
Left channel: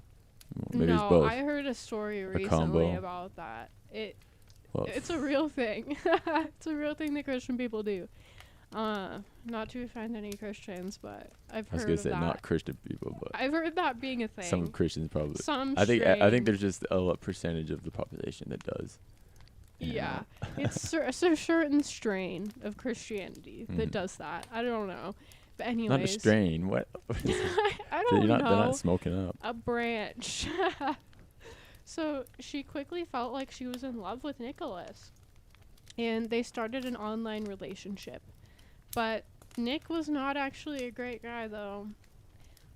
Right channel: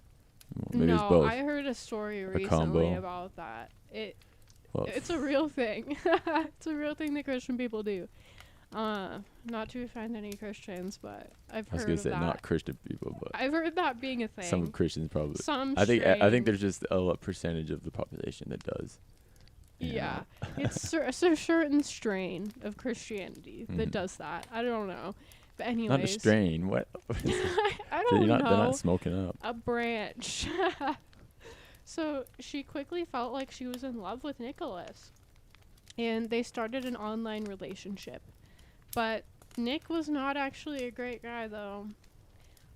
Maybe it's both. I heard a story recently combo. about that. It's a real thing. It's a real thing that Christian people do. Not to offend any Christians, but I've I was heard gonna of say that. not Christian people, but I've heard that being a thing. some Christians probably. Some I think strain. there's just a percentage of the population that does. you Yeah, know. it's a certain strain of Christianity that does that. I don't know, but anyways, Not a strain. What? I don't know. They're not smoking up. A branch. So she quickly felt like she was in love with Nicholas, and they started an online relationship. But Nick was not actually a great guy, though.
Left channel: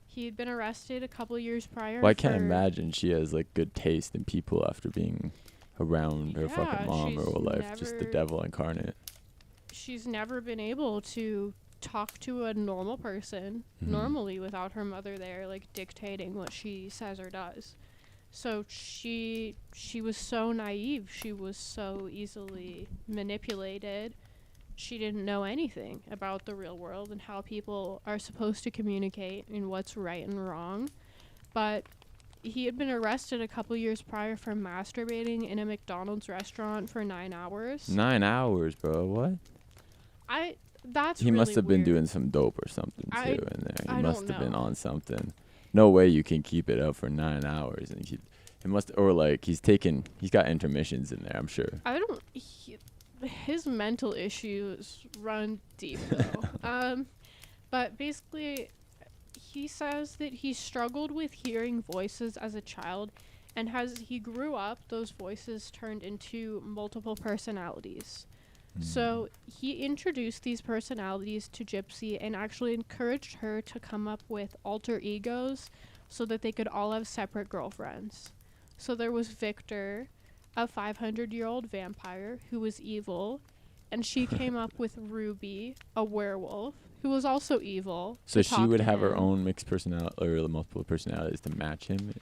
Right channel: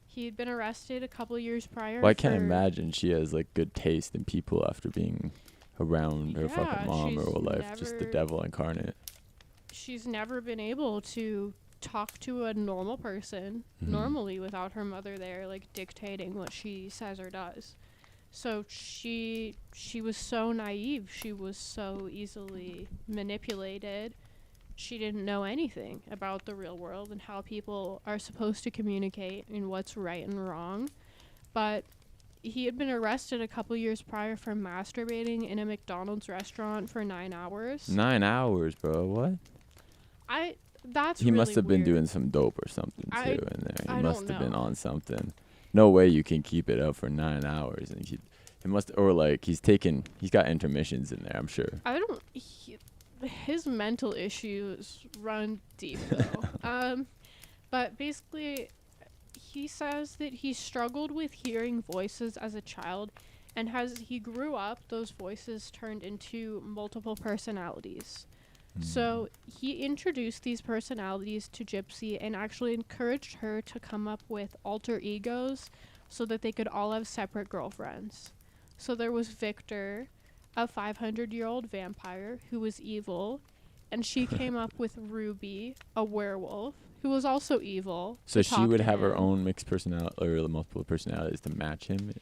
He had been arrested a couple years prior. Well, I can't imagine she has like good taste in people after being around her fucking mom her whole life. Just the devil incarnate. She's never been able to talk to a normal person normally without her mother there, like dictating what she says or does. So she was so naive. She was so easily manipulated. She didn't know anything about the real world and how people are supposed to communicate and what's right and wrong. But he had been arrested a couple years prior for masturbating in a McDonald's restaurant for 9 hours. 9 hours, bro. What? He really must have been doing some dope or something too in there. He must have been know. on something. No way you can keep it up for 9 hours, and he's got intermissions in there. I'm sure. His mental issues run deep though. But basically, he says that he struggled with hearing voices as a child, and as he grew up, those voices turned into multiple personalities. So he introduced these personalities to Gypsy and actually encouraged her to come up with alter egos so that they could all have separate girlfriends. So there was Victor, a 500-year-old vampire who was evil, and she came up with Ruby, a werewolf, who was also evil. So she would have her own mixed personality or multiple personalities to match him.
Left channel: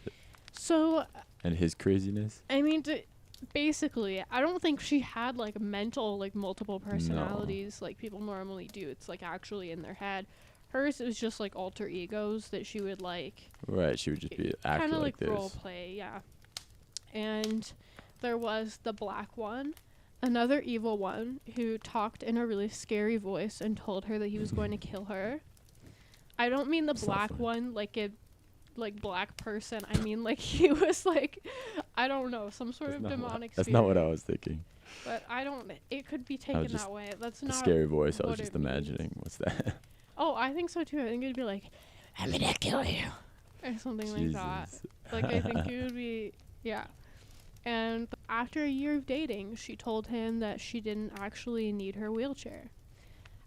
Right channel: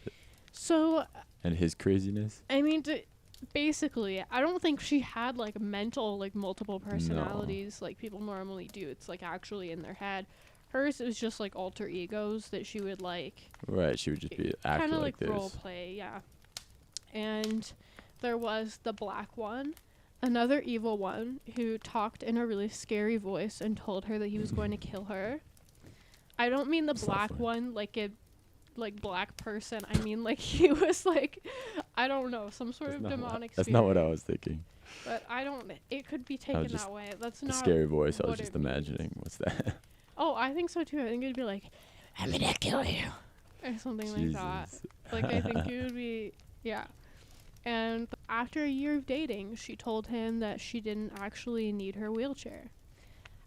So. And his craziness. I mean, basically, I don't think she had like multiple personalities like people normally do. It's like actually in their head. Hers was just like alter egos that she would like. Right, she would just be acting kind of like this. Role play, yeah. And there was the black one, another evil one who talked in a really scary voice and told her that he was going to kill her. I don't mean the black one like a black person. I mean like he was like, I don't know, some sort of demonic spirit. That's not what I was thinking. But it could be taken that way. That's not a scary voice. I was just imagining. What's that? Oh, I think so too. I think it'd be like, I'm gonna kill you, or something like that. Like I think it would be, yeah. And after a year of dating, she told him that she didn't actually need her wheelchair.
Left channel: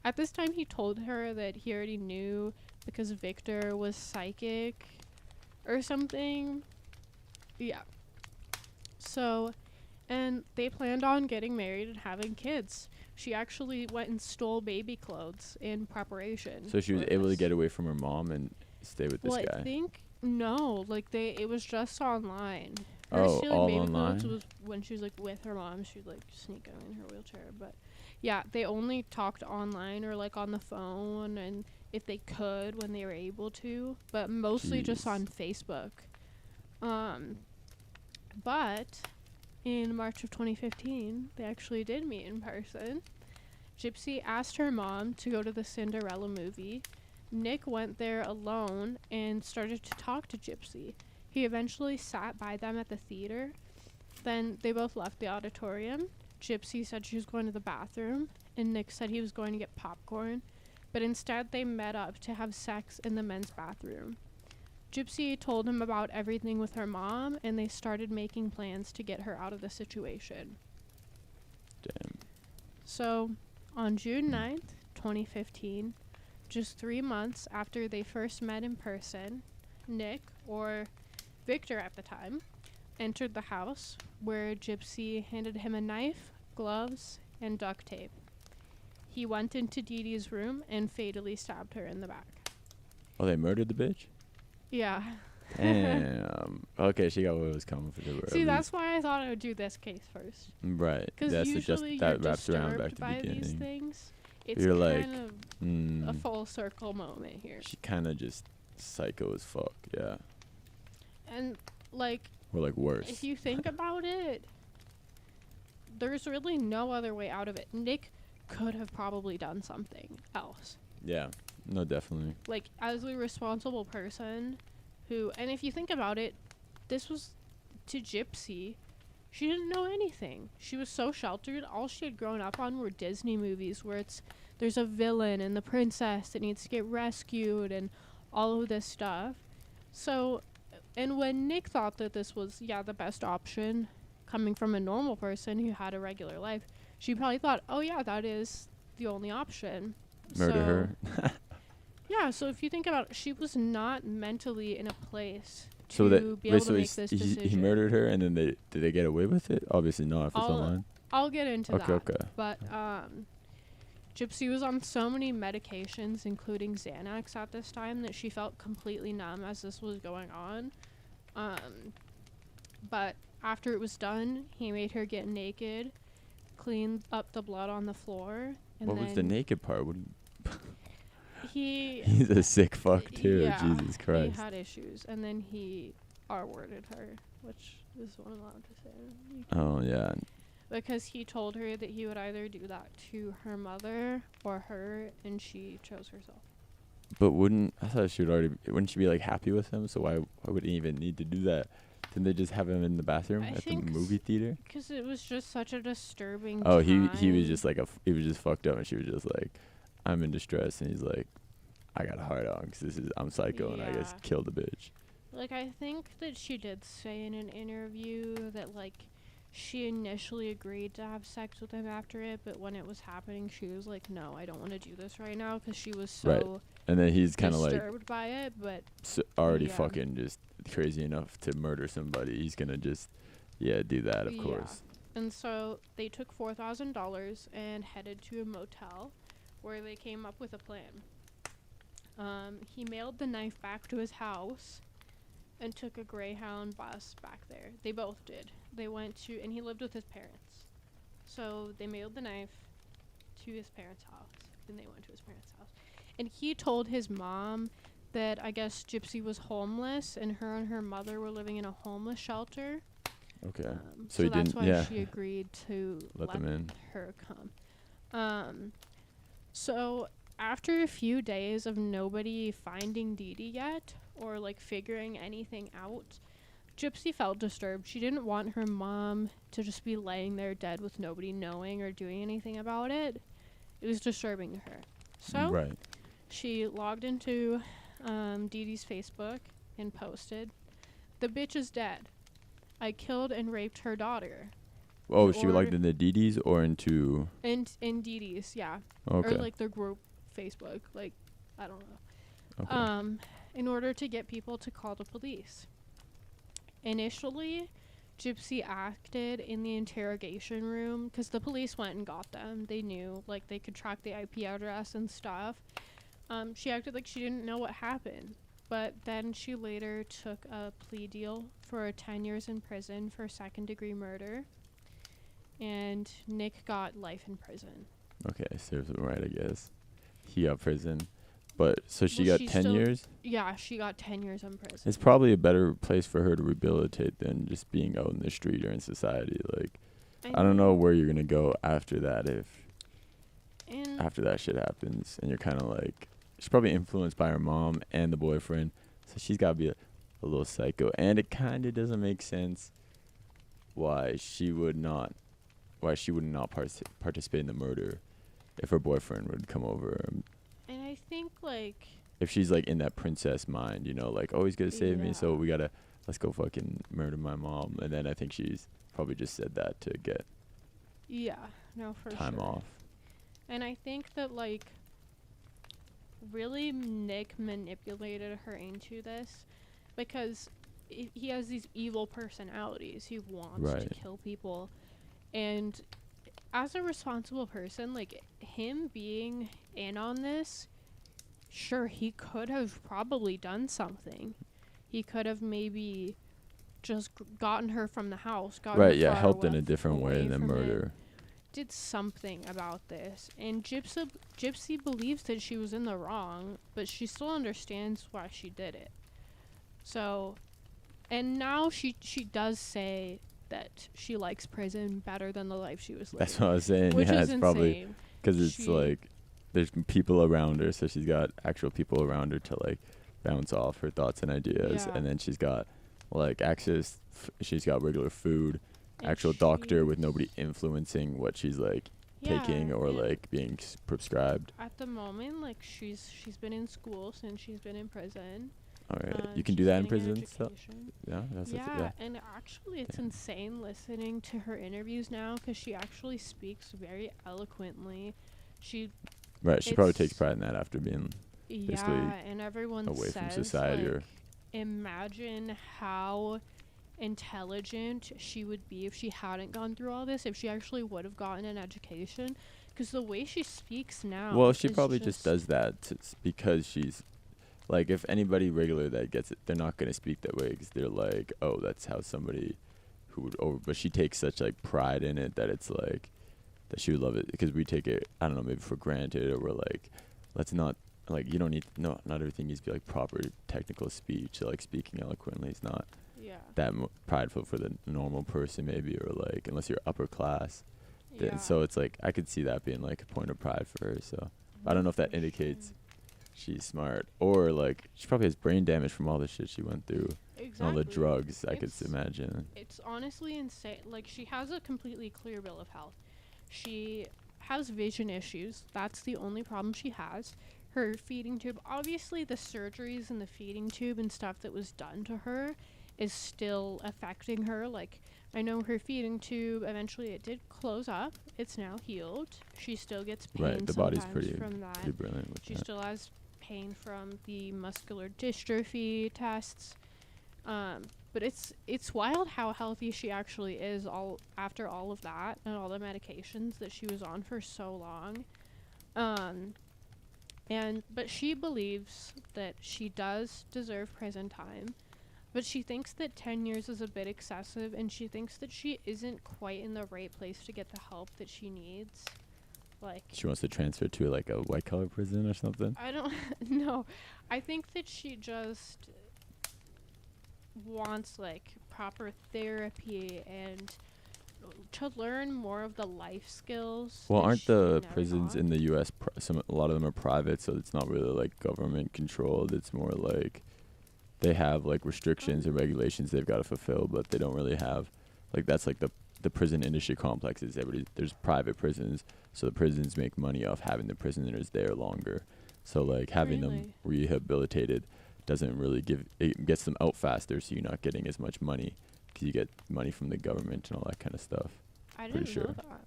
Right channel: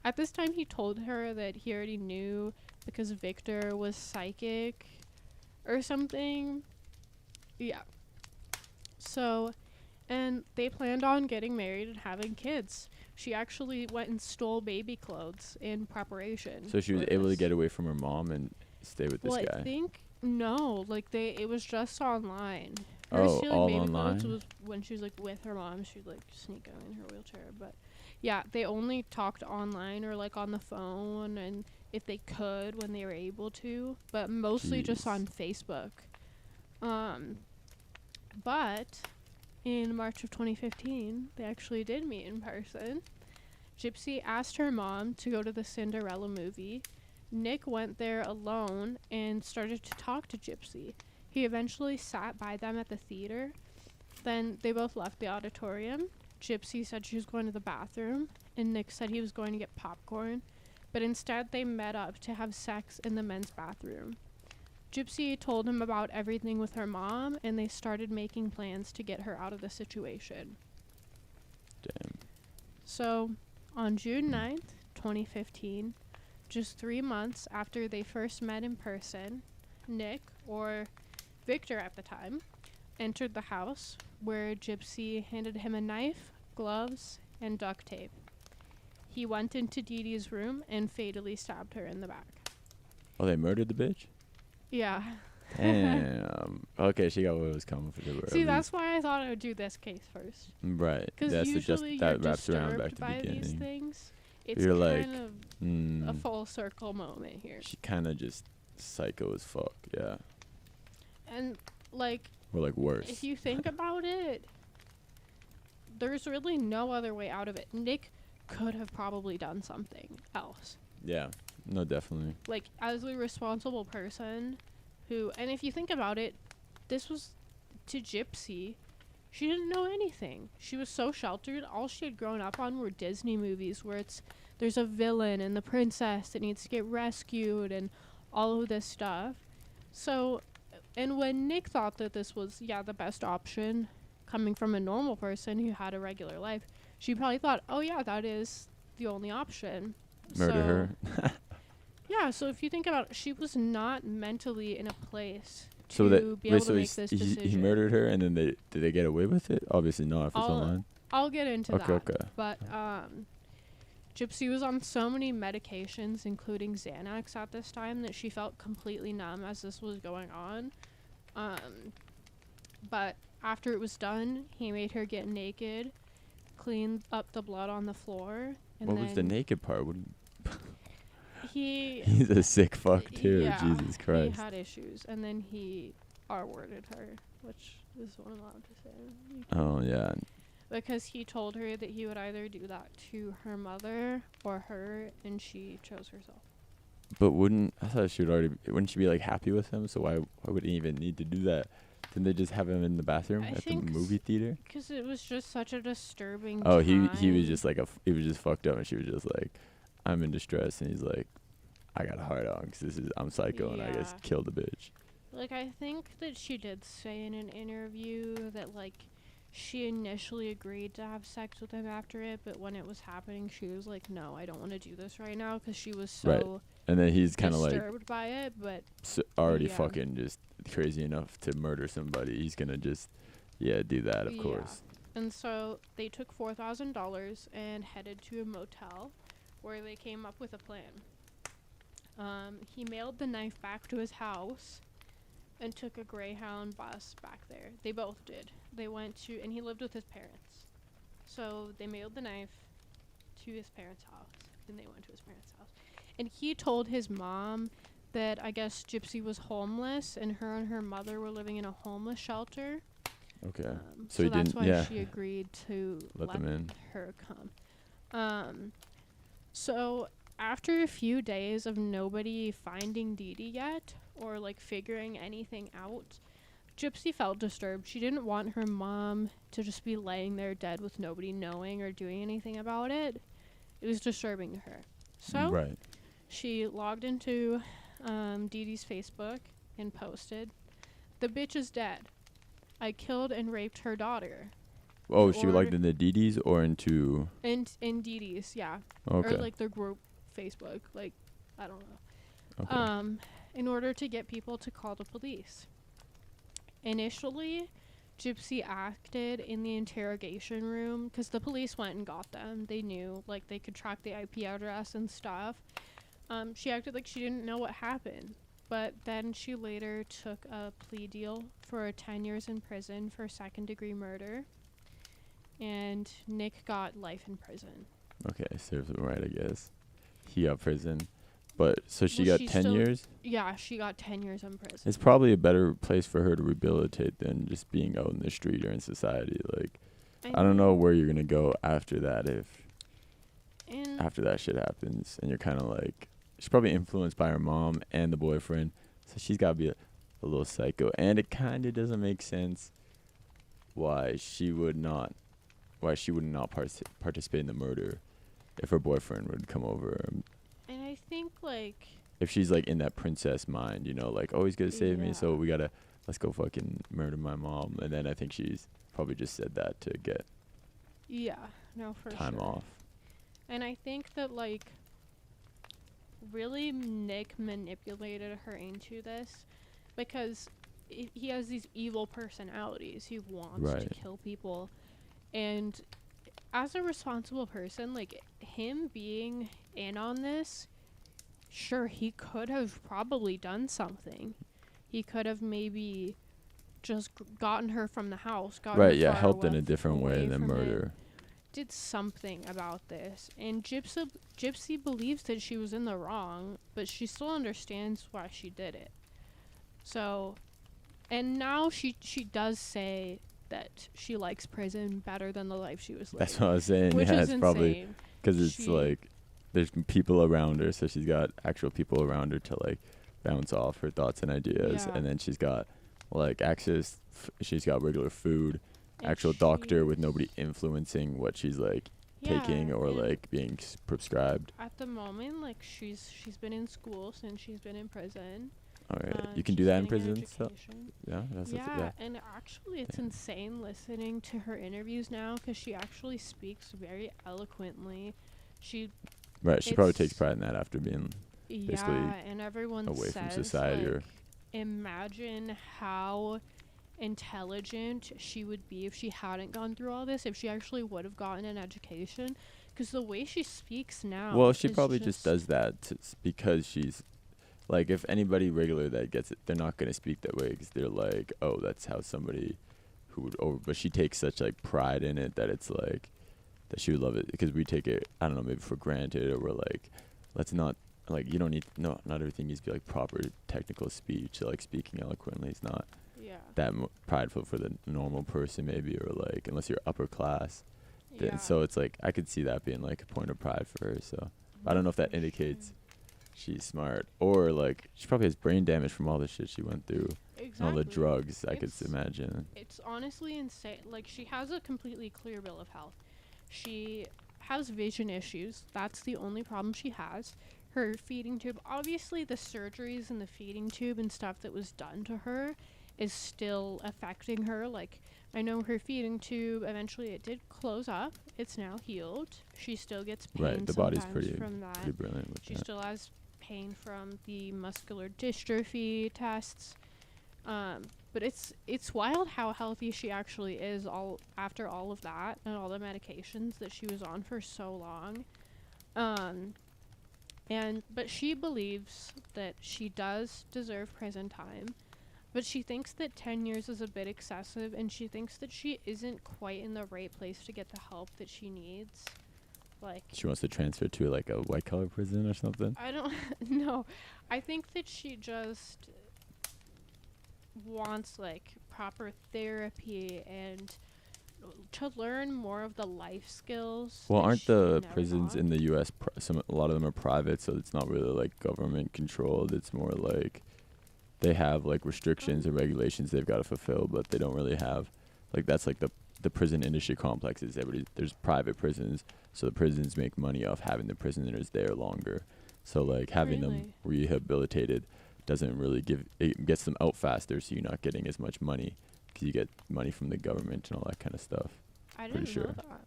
At this time, he told her that he already knew because Victor was psychic or something. Yeah. So, and they planned on getting married and having kids. She actually went and stole baby clothes in preparation. So she was able to get away from her mom and stay with this guy? Well, I think, no. Like, it was just online. All baby online? clothes was when she was, like, with her mom. She'd, like, sneak them in her wheelchair. But, yeah, they only talked online or, like, on the phone and if they could when they were able to. But mostly just on Facebook. But in March of 2015, they actually did meet in person. Gypsy asked her mom to go to the Cinderella movie. Nick went there alone and started to talk to Gypsy. He eventually sat by them at the theater. Then they both left the auditorium. Gypsy said she was going to the bathroom, and Nick said he was going to get popcorn. But instead, they met up to have sex in the men's bathroom. Gypsy told him about everything with her mom, and they started making plans to get her out of the situation. Damn. So, on June 9th, 2015, just 3 months after they first met in person, Nick, or Victor at the time, entered the house, where Gypsy handed him a knife, gloves, and duct tape. He went into Dee Dee's room and fatally stabbed her in the back. Oh, they murdered the bitch? Yeah. Damn. Okay, she got what was coming for her. See, that's why I thought I would do this case first. Right. Because usually that wraps around back to the beginning. These things. It's You're kind of a full circle moment here. She kind of just psycho as fuck, yeah. And, like... Or, like, worse. If you think about it, there's really no other way out of it. Nick could have probably done something else. Yeah. No, definitely. Like, as a responsible person who, and if you think about it, this was to Gypsy. She didn't know anything. She was so sheltered. All she had grown up on were Disney movies where there's a villain and the princess that needs to get rescued and all of this stuff. So, and when Nick thought that this was, the best option, coming from a normal person who had a regular life, she probably thought, oh yeah, that is the only option. Murder her. Yeah, so if you think about it, she was not mentally in a place So to be able to make so this decision. he murdered her, and then did they get away with it? Obviously not, if it's online. I'll get into that. Okay. But Gypsy was on so many medications, including Xanax at this time, that she felt completely numb as this was going on. But after it was done, he made her get naked, cleaned up the blood on the floor. And What was the naked part? He's a sick fuck too. Yeah, Jesus Christ. he had issues, and then he R-worded her, which is what I'm allowed to say. Oh yeah. Because he told her that he would either do that to her mother or her, and she chose herself. But I thought wouldn't she be like happy with him? So why would he even need to do that? Didn't they just have him in the bathroom at the movie theater? Because it was just such a disturbing Oh, time. he was just like he was just fucked up, and she was just like, I'm in distress, and he's like, I got a hard on because I'm psycho, and I just killed the bitch. Like, I think that she did say in an interview that, like, she initially agreed to have sex with him after it, but when it was happening, she was like, no, I don't want to do this right now, because she was so And then he's kind of like disturbed by it, but already fucking just crazy enough to murder somebody. He's gonna just do that, of course. And so they took $4,000 and headed to a motel where they came up with a plan. He mailed the knife back to his house and took a Greyhound bus back there. They both did. They went to, and he lived with his parents. So they mailed the knife to his parents' house, and they went to his parents' house. And he told his mom that I guess Gypsy was homeless, and her mother were living in a homeless shelter. Okay. So that's why she agreed to let them in. Her come. So after a few days of nobody finding Dee Dee yet, or like figuring anything out, Gypsy felt disturbed. She didn't want her mom to just be laying there dead with nobody knowing or doing anything about it. It was disturbing to her. So she logged into Dee Dee's Facebook and posted, "The bitch is dead. I killed and raped her daughter." Oh, she logged into Dee Dee's or into... In Dee Dee's, yeah. Okay. Or like their group Facebook. Like, I don't know. Okay. In order to get people to call the police. Initially, Gypsy acted in the interrogation room because the police went and got them. They knew, like, they could track the IP address and stuff. She acted like she didn't know what happened. But then she later took a plea deal for 10 years in prison for second-degree murder. And Nick got life in prison. Okay, serves him right, I guess. He got prison. But, so she got 10 years? Yeah, she got 10 years in prison. It's probably a better place for her to rehabilitate than just being out in the street or in society. Like, I don't know where you're going to go after that after that shit happens. And you're kind of like, she's probably influenced by her mom and the boyfriend. So she's got to be a little psycho. And it kind of doesn't make sense why she would not participate in the murder if her boyfriend would come over. And I think, like... if she's, like, in that princess mind, you know, like, oh, he's going to save me, so let's go fucking murder my mom. And then I think she's probably just said that to get time off. And I think that, like, really Nick manipulated her into this because he has these evil personalities. He wants to kill people. And as a responsible person, like, him being in on this, sure, he could have probably done something. He could have maybe just gotten her from the house. Helped in a different way than murder. Did something about this. And Gypsy believes that she was in the wrong, but she still understands why she did it. So, and now she does say that she likes prison better than the life she was living. That's what I was saying. Which is it's insane. probably because it's like there's people around her, so she's got actual people around her to like bounce off her thoughts and ideas, and then she's got like access. She's got regular food, and actual doctor with nobody influencing what she's like taking or like being prescribed. At the moment, like she's been in school since she's been in prison. All right, you can do that in prison stuff. Yeah, and actually, it's insane listening to her interviews now because she actually speaks very eloquently. She probably takes pride in that after being and everyone away says, from society. Like, imagine how intelligent she would be if she hadn't gone through all this, if she actually would have gotten an education, because the way she speaks now. Well, she probably just does that because she's. Like, if anybody regular that gets it, they're not going to speak that way because they're like, oh, that's how somebody who would but she takes such, like, pride in it that it's, like, that she would love it because we take it, I don't know, maybe for granted, or we're like, let's not, like, you don't need, not everything needs to be, like, proper technical speech. Like, speaking eloquently is not that prideful for the normal person, maybe, or, like, unless you're upper class. So it's, like, I could see that being, like, a point of pride for her, so I don't know if that indicates she's smart, or like she probably has brain damage from all the shit she went through. Exactly. All the drugs, I could imagine. It's honestly insane. Like, she has a completely clear bill of health. She has vision issues. That's the only problem she has. Her feeding tube, obviously the surgeries and the feeding tube and stuff that was done to her is still affecting her. Like, I know her feeding tube, eventually it did close up. It's now healed. She still gets pain the body's from that. Pretty brilliant with she that. Still has pain from the muscular dystrophy tests, but it's wild how healthy she actually is after all of that and all the medications that she was on for so long. But she believes that she does deserve prison time, but she thinks that 10 years is a bit excessive, and she thinks that she isn't quite in the right place to get the help that she needs. Like, she wants to transfer to like a white collar prison or something. I don't know. I think that she just wants like proper therapy and to learn more of the life skills. Well, aren't the prisons in the U.S. A lot of them are private, so it's not really like government controlled. It's more like they have like restrictions and regulations they've got to fulfill, but they don't really have like that's like the prison industry complexes. There's private prisons, so the prisons make money off having the prisoners there longer. So like having them rehabilitated doesn't really it gets them out faster, so you're not getting as much money because you get money from the government and all that kind of stuff. I didn't know that.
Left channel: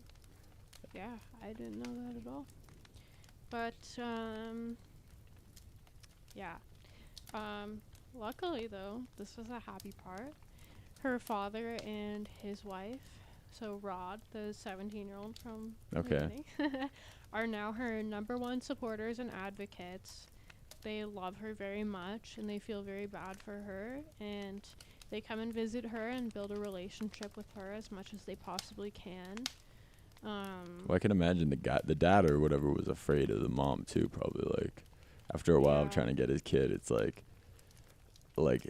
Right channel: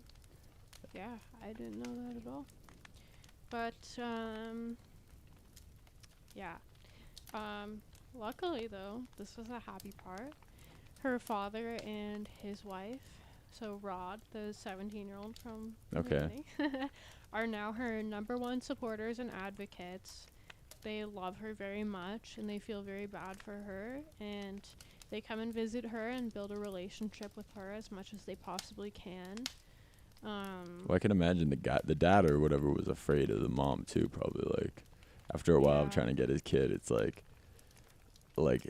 Yeah, I didn't know that at all. But luckily though, this was a happy part. Her father and his wife, so Rod, the 17-year-old from the beginning, are now her #1 supporters and advocates. They love her very much, and they feel very bad for her, and they come and visit her and build a relationship with her as much as they possibly can. Well, I can imagine the dad or whatever was afraid of the mom too, probably. Like, after a while of trying to get his kid, it's like,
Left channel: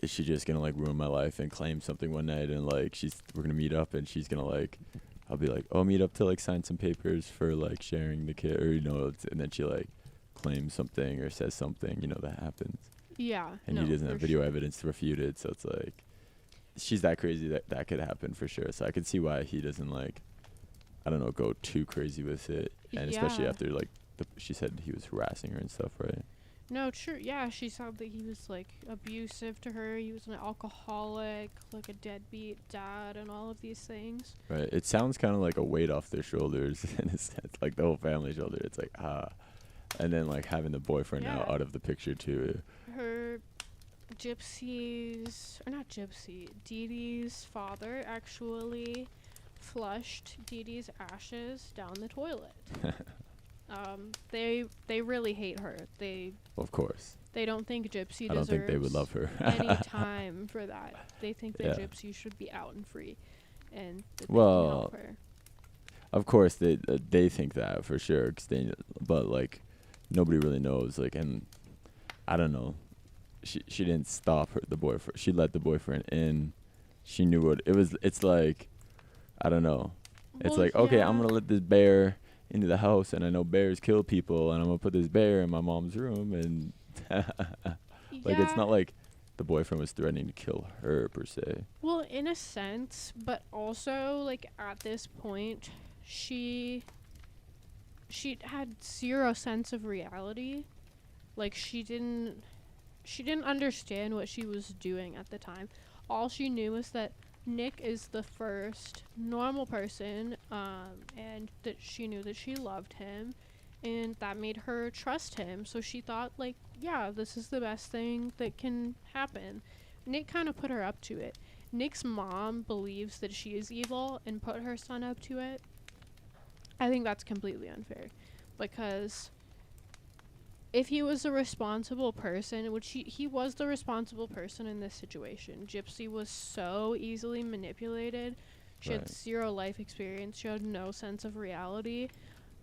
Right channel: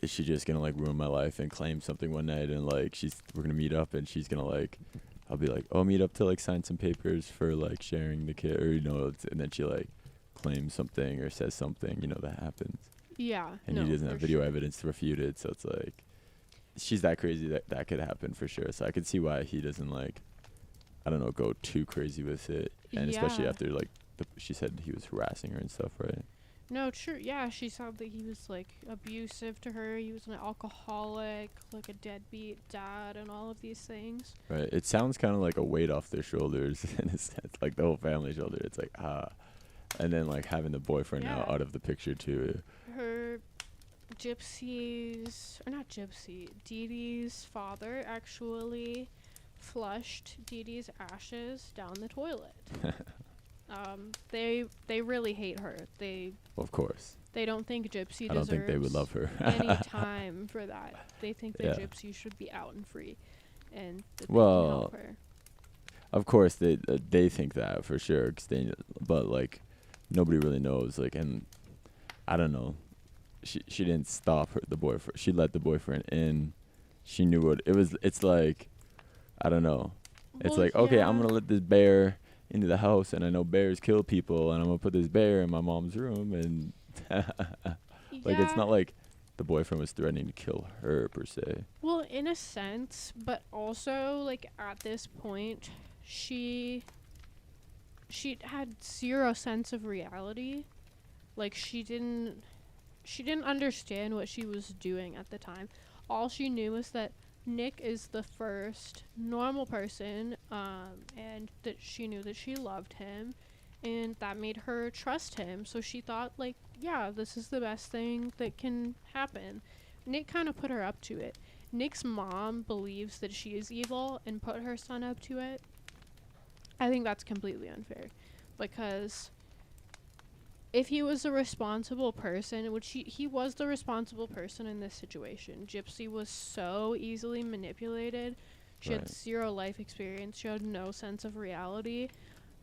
is she just gonna like ruin my life and claim something one night, and like we're gonna meet up and she's gonna like, I'll be like, oh, meet up to like sign some papers for like sharing the kid, or and then she like claims something or says something, that happens. Yeah. And he doesn't have video evidence to refute it, so it's like, she's that crazy that could happen for sure. So I could see why he doesn't like, I don't know, go too crazy with it, and especially after like she said he was harassing her and stuff, right? No, true. Yeah, she said that he was like abusive to her. He was an alcoholic, like a deadbeat dad, and all of these things. Right. It sounds kind of like a weight off their shoulders, and it's like the whole family shoulder. It's like and then like having the boyfriend now out of the picture too. Her Dee Dee's father actually flushed Dee Dee's ashes down the toilet. They really hate her. Of course. They don't think Gypsy deserves I don't think they would love her. any time for that. They think that Gypsy should be out and free, and that they can help her. Of course they think that for sure, but like nobody really knows. Like, and I don't know. She didn't stop the boyfriend. She let the boyfriend in. She knew what it was. It's like, I don't know. It's like, okay, I'm gonna let this bear into the house, and I know bears kill people, and I'm gonna put this bear in my mom's room, and like it's not like the boyfriend was threatening to kill her per se. Well, in a sense, but also like at this point, she had zero sense of reality. Like she didn't understand what she was doing at the time. All she knew was that Nick is the first normal person, and that she knew that she loved him, and that made her trust him. So she thought, like, yeah, this is the best thing that can happen. Nick kind of put her up to it. Nick's mom believes that she is evil and put her son up to it. I think that's completely unfair, because if he was a responsible person, which he was the responsible person in this situation. Gypsy was so easily manipulated. She had zero life experience. She had no sense of reality.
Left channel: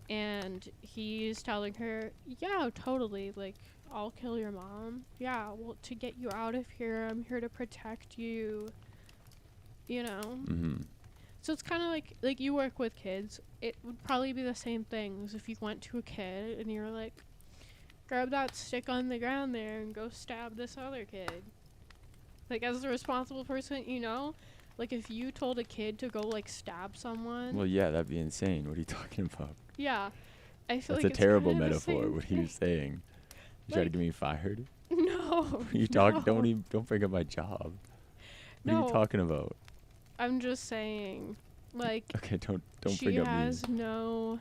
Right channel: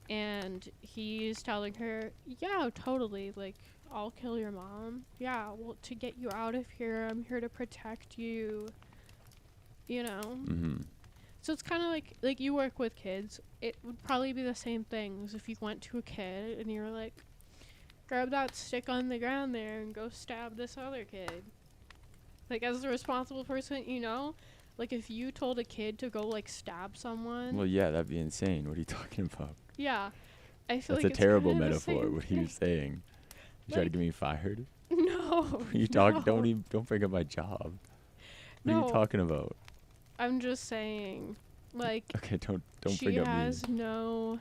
And he's telling her, yeah, totally, like, I'll kill your mom. Yeah, well, to get you out of here, I'm here to protect you. You know? Mm-hmm. So it's kind of like you work with kids. It would probably be the same thing as if you went to a kid and you were like, grab that stick on the ground there and go stab this other kid. Like, as a responsible person, you know? Like, if you told a kid to go, like, stab someone. Well, yeah, that'd be insane. What are you talking about? Yeah. I feel That's like a terrible it's metaphor, what he was saying. You try to get me fired? No. You talk. Don't bring up my job. What are you talking about? I'm just saying, like, okay, don't bring up me. She has no,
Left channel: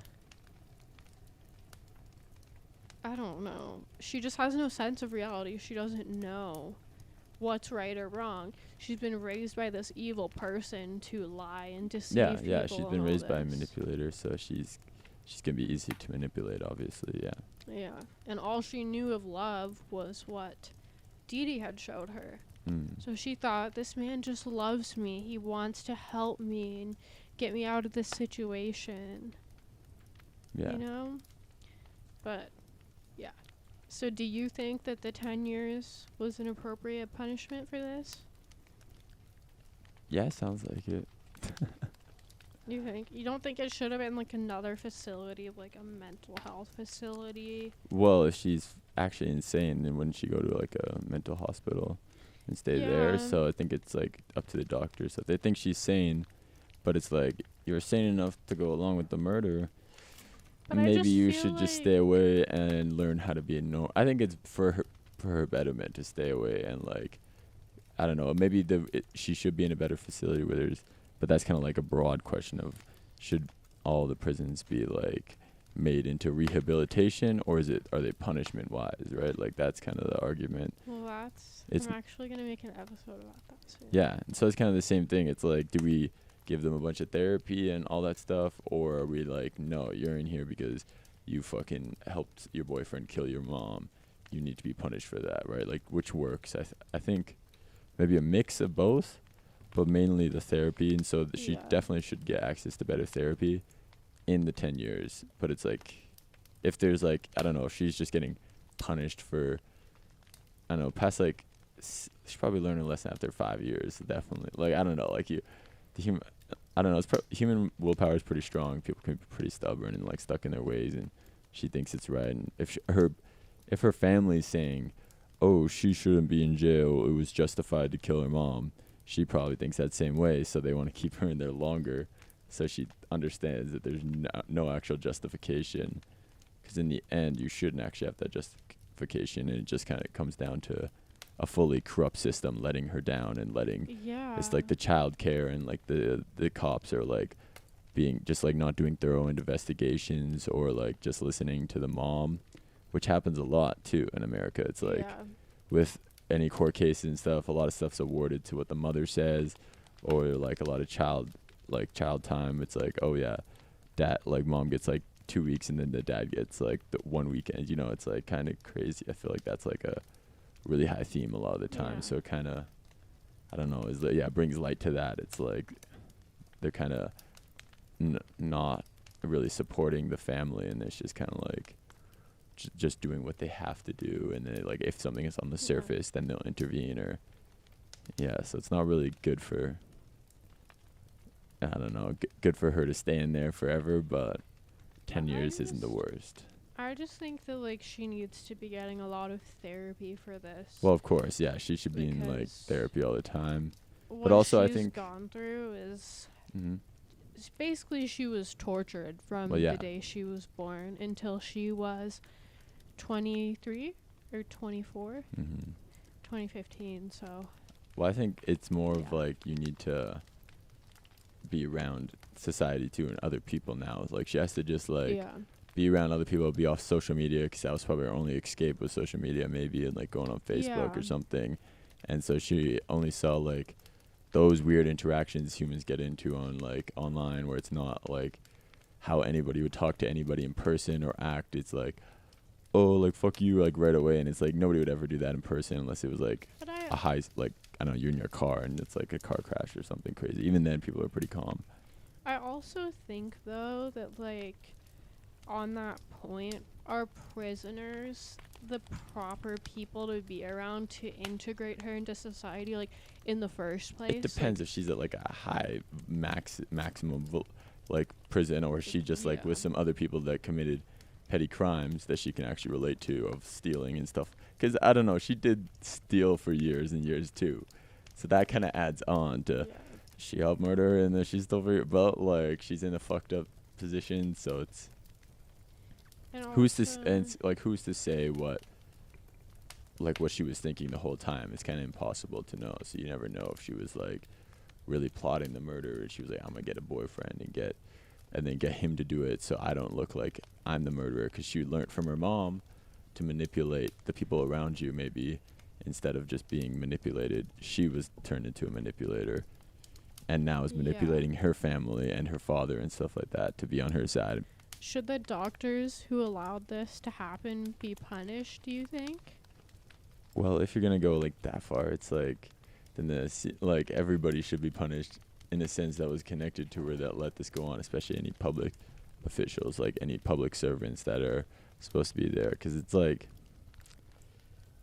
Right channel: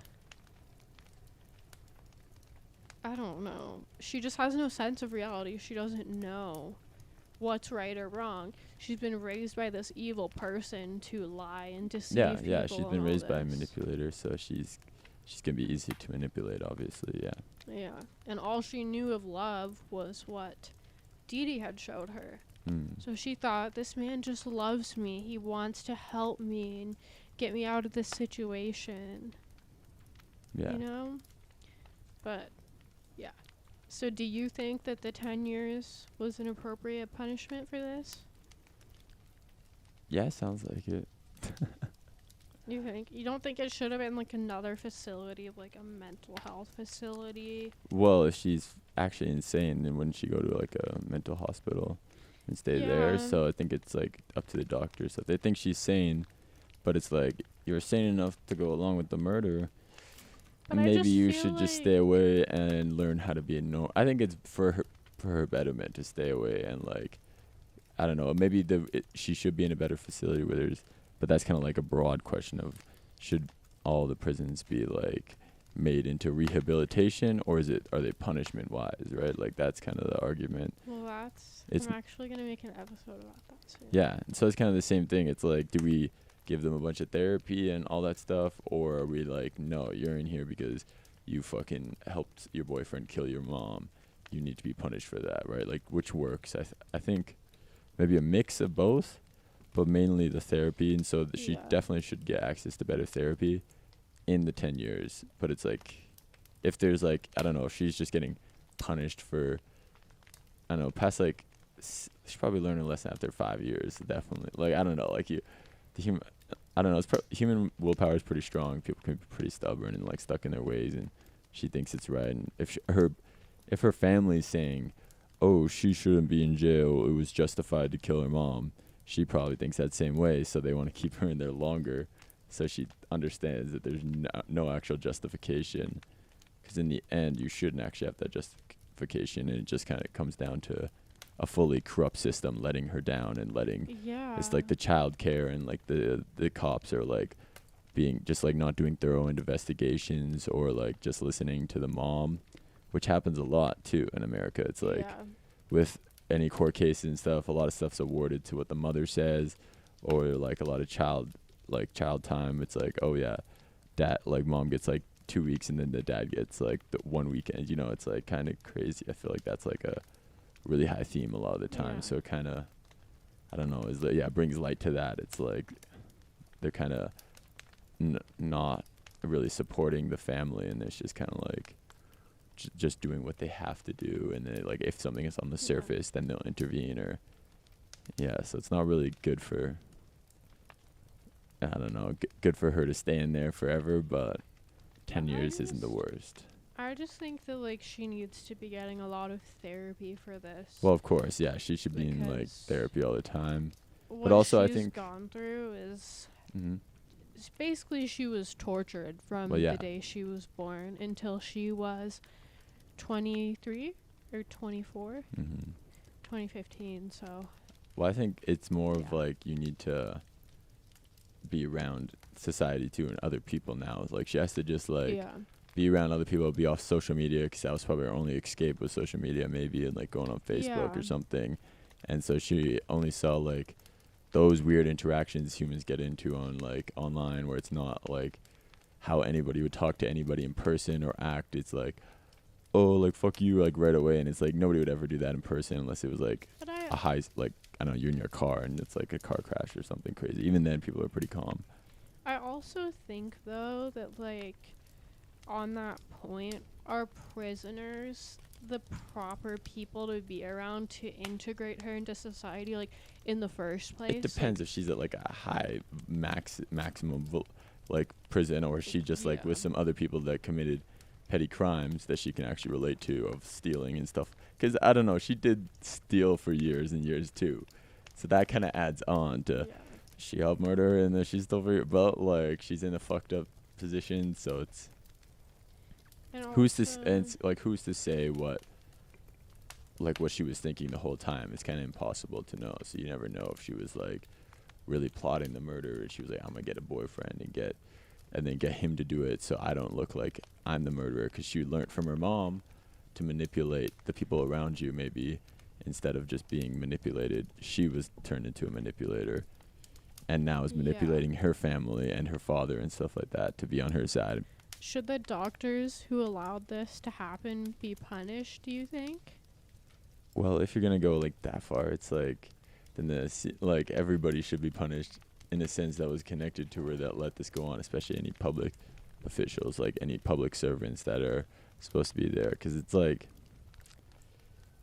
I don't know. She just has no sense of reality. She doesn't know what's right or wrong. She's been raised by this evil person to lie and deceive people. Yeah, she's been raised by a manipulator, so she's gonna be easy to manipulate, obviously, yeah. Yeah, and all she knew of love was what Dee Dee had showed her. So she thought, this man just loves me. He wants to help me and get me out of this situation. Yeah. You know? But, yeah. So do you think that the 10 years was an appropriate punishment for this? Yeah, sounds like it. You think? You don't think it should have been, like, another facility, like a mental health facility? Well, if she's actually insane, then wouldn't she go to, like, a mental hospital and stay there? So I think it's, like, up to the doctors. So if they think she's sane, but it's like, you're sane enough to go along with the murder, but maybe you should just stay away and learn how to be I think it's for her betterment to stay away and, like, I don't know, maybe she should be in a better facility where there's, but that's kind of like a broad question of, should all the prisons be, like, made into rehabilitation, or are they punishment wise, right? Like, that's kind of the argument. Well, I'm actually going to make an episode about that soon. Yeah, and so it's kind of the same thing. It's like, do we give them a bunch of therapy and all that stuff, or are we like, no, you're in here because you fucking helped your boyfriend kill your mom, you need to be punished for that, right? Like, which works? I think maybe a mix of both, but mainly the therapy. And so she definitely should get access to better therapy in the 10 years. But it's like, if there's, like, I don't know, if she's just getting punished for, I don't know, past, like, she probably learned a lesson after 5 years, definitely. Like, I don't know, like, I don't know, human willpower is pretty strong. People can be pretty stubborn and, like, stuck in their ways, and she thinks it's right. And if her family's saying, oh, she shouldn't be in jail, it was justified to kill her mom, she probably thinks that same way, so they want to keep her in there longer, so she understands that there's no actual justification, because in the end, you shouldn't actually have that justification, and it just kind of comes down to a fully corrupt system letting her down and it's like the child care, and, like, the cops are, like, being just, like, not doing thorough investigations, or, like, just listening to the mom, which happens a lot too in America. It's like with any court cases and stuff, a lot of stuff's awarded to what the mother says, or, like, a lot of child time. It's like, oh yeah, dad, like, mom gets, like, 2 weeks, and then the dad gets, like, the 1 weekend. You know, it's, like, kind of crazy. I feel like that's, like, a really high theme a lot of the time. So it kind of, I don't know, brings light to that. It's like they're kind of not really supporting the family, and it's just kind of like just doing what they have to do, and then, like, if something is on the surface, then they'll intervene, or so it's not really good for, I don't know, good for her to stay in there forever, but 10 years isn't the just- worst. I just think that like she needs to be getting a lot of therapy for this. Well, of course, yeah, she should be in like Because therapy all the time. what also I she's think- gone through is Hmm. basically she was tortured from Well, yeah. the day she was born until she was 23 or 24, Hmm. 2015. So Well, I think it's more of Yeah. like you need to be around society too and other people now. Like she has to just like yeah, be around other people, be off social media, because that was probably her only escape with social media, maybe, and like going on Facebook Yeah. or something. And so she only saw like those weird interactions humans get into on like online, where it's not like how anybody would talk to anybody in person or act. It's like, oh, like fuck you, like right away. And it's like nobody would ever do that in person unless it was like but a high, like I don't know, you're in your car and it's like a car crash or something crazy. Even then, people are pretty calm. I also think though that like on that point, are prisoners the proper people to be around to integrate her into society, like in the first place? It depends if she's at like a high maximum like prison, or she just like Yeah. with some other people that committed petty crimes that she can actually relate to, of stealing and stuff. Because I don't know, she did steal for years and years too, so that kind of adds on to Yeah. she helped murder and then she stole for your belt. Like she's in a fucked up position, so it's And who's to also- and it's like who's to say what she was thinking the whole time. It's kind of impossible to know, so you never know if she was like really plotting the murder and she was like, I'm gonna get a boyfriend and then get him to do it so I don't look like I'm the murderer, because she learned from her mom to manipulate the people around you. Maybe instead of just being manipulated, she was turned into a manipulator and now is Yeah. manipulating her family and her father and stuff like that to be on her side. Should the doctors who allowed this to happen be punished, do you think? Well, if you're gonna go like that far, it's like then like everybody should be punished in a sense that was connected to her that let this go on, especially any public officials, like any public servants that are supposed to be there. Because it's like,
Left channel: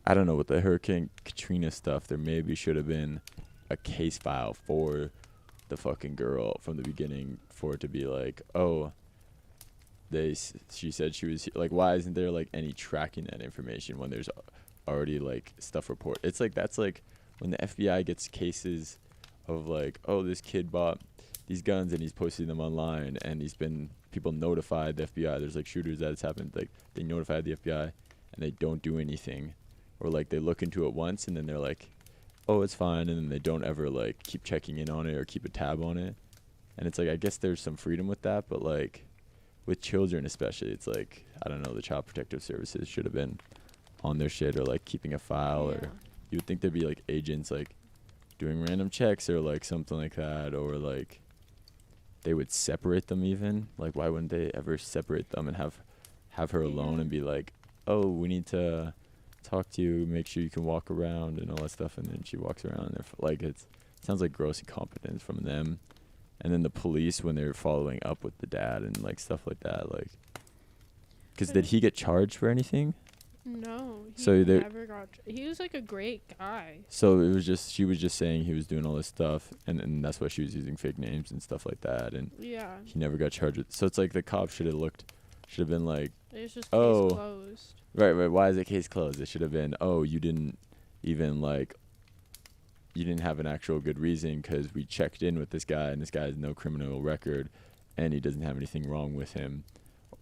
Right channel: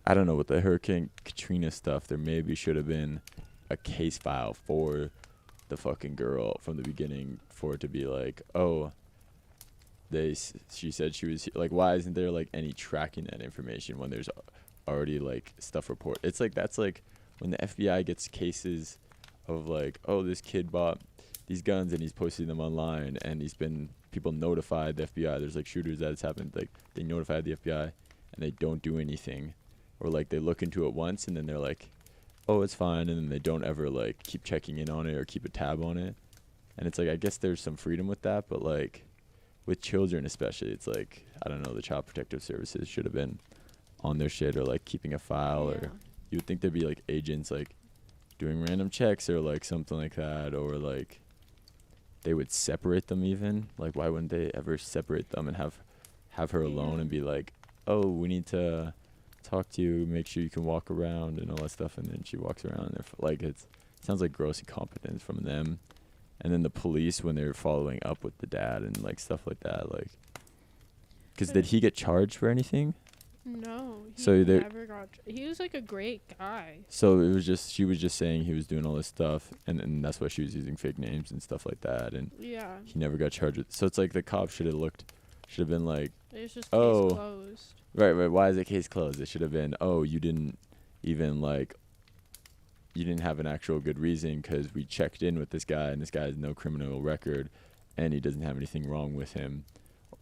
I don't know, with the Hurricane Katrina stuff, there maybe should have been a case file for the fucking girl from the beginning, for it to be like, oh, she said she was like, why isn't there like any tracking that information when there's already like stuff report? It's like, that's like when the FBI gets cases of like, oh, this kid bought these guns and he's posting them online and he's been, people notified the FBI. There's like shooters that has happened, like they notified the FBI and they don't do anything, or like they look into it once and then they're like, oh, it's fine, and then they don't ever like keep checking in on it or keep a tab on it. And it's like, I guess there's some freedom with that, but like with children especially, it's like, I don't know, the Child Protective Services should have been on their shit, or like keeping a file, or you would think there'd be like agents like doing random checks or like something like that, or like they would separate them even. Like why wouldn't they ever separate them and have her alone and be like, oh, we need to talk to you, make sure you can walk around and all that stuff, and then she walks around and like it sounds like gross incompetence from them. And then the police, when they're following up with the dad and like stuff like that, like, because did he get charged for anything? No, he So they- never got. He was like a great guy. So it was just, she was just saying he was doing all this stuff, and that's why she was using fake names and stuff like that, and Yeah, he never got charged with. So it's like the cop should have been like, it was just Oh. case closed. right, why is it case closed? It should have been, oh, you didn't even like, you didn't have an actual good reason, because we checked in with this guy and this guy has no criminal record and he doesn't have anything wrong with him,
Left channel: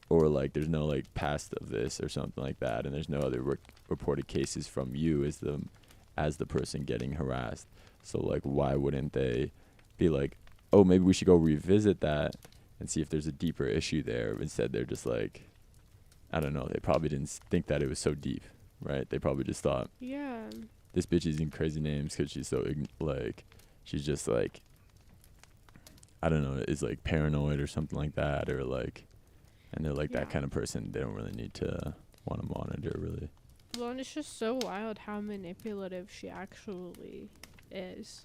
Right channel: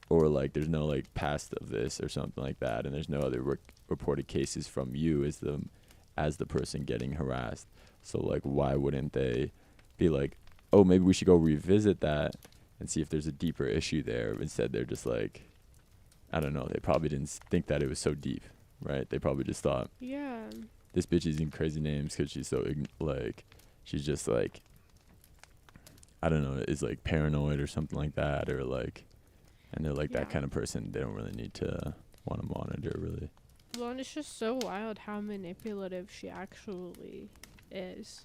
or like there's no like past of this or something like that, and there's no other reported cases from you as the person getting harassed. So like why wouldn't they be like, oh, maybe we should go revisit that and see if there's a deeper issue there? Instead they're just like, I don't know, they probably didn't think that it was so deep, right? They probably just thought, Yeah, this bitch is using crazy names because she's so like, she's just like, I don't know, is like paranoid or something like that, or like, and they're like, Yeah. that kind of person, they don't really need to want to monitor, really. well, and it's just so wild how manipulative she actually is,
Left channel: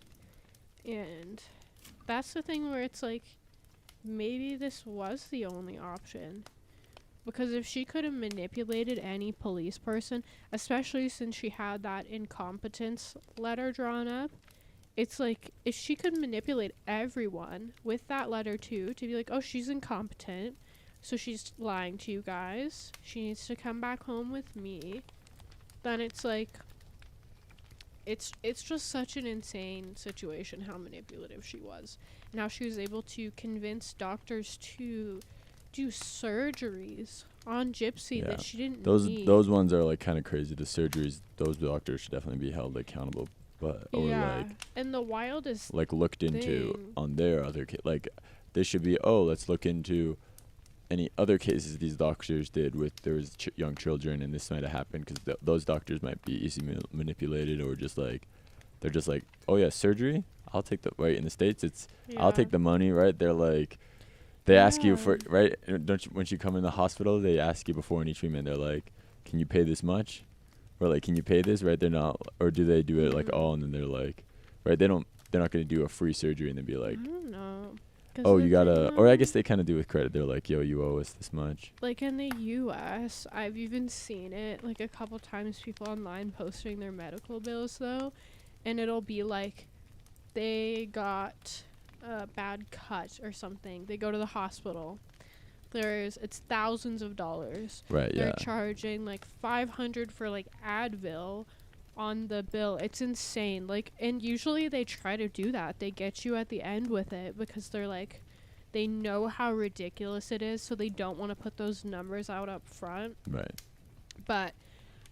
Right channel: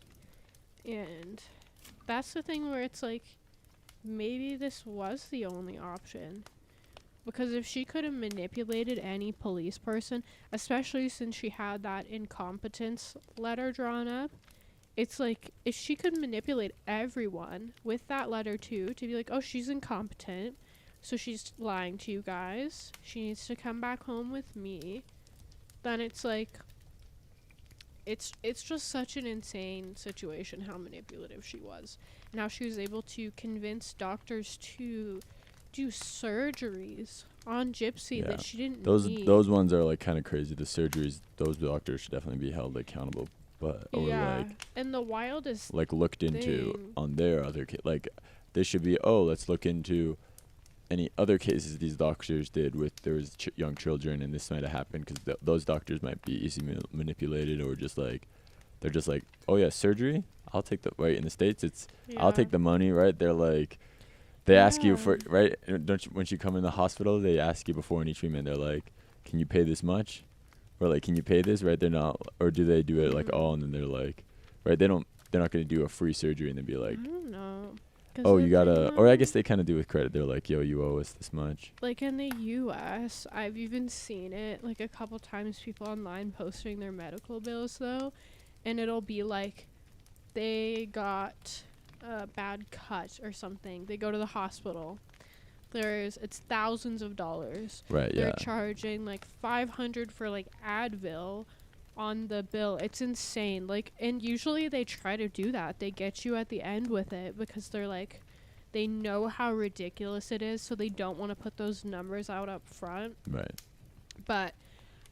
and that's the thing where it's like, maybe this was the only option. Because if she could have manipulated any police person, especially since she had that incompetence letter drawn up, it's like, if she could manipulate everyone with that letter too, to be like, oh, she's incompetent, So she's lying to you guys. She needs to come back home with me. Then it's like, it's just such an insane situation how manipulative she was. And how she was able to convince doctors to do surgeries on Gypsy that she didn't need. Those ones are like kind of crazy. The surgeries, those doctors should definitely be held accountable. But or like, and the wildest like looked into on their other like they should be, let's look into any other cases these doctors did with there's young children, and this might have happened, because those doctors might be easily manipulated, or just like they're just like, oh yeah, surgery, I'll take the, right, in the States it's I'll take the money, right? They're like, they ask you for, right, don't you, when you come in the hospital, they ask you before any treatment, they're like, can you pay this much, or like, can you pay this, right? They're not, or do they do it like all, and then they're like, right, they're not going to do a free surgery and then be like, I don't know. Oh, you gotta, or I guess they kind of do with credit. They're like, yo, you owe us this much. Like in the U.S., I've even seen it like a couple times, people online posting their medical bills though, and it'll be like they got a bad cut or something. They go to the hospital. It's thousands of dollars. Right, They're charging like $500 for like Advil on the bill. It's insane. Like, and usually they try to do that. They get you at the end with it because they're like, they know how ridiculous it is, so they don't want to put those numbers out up front. Right. But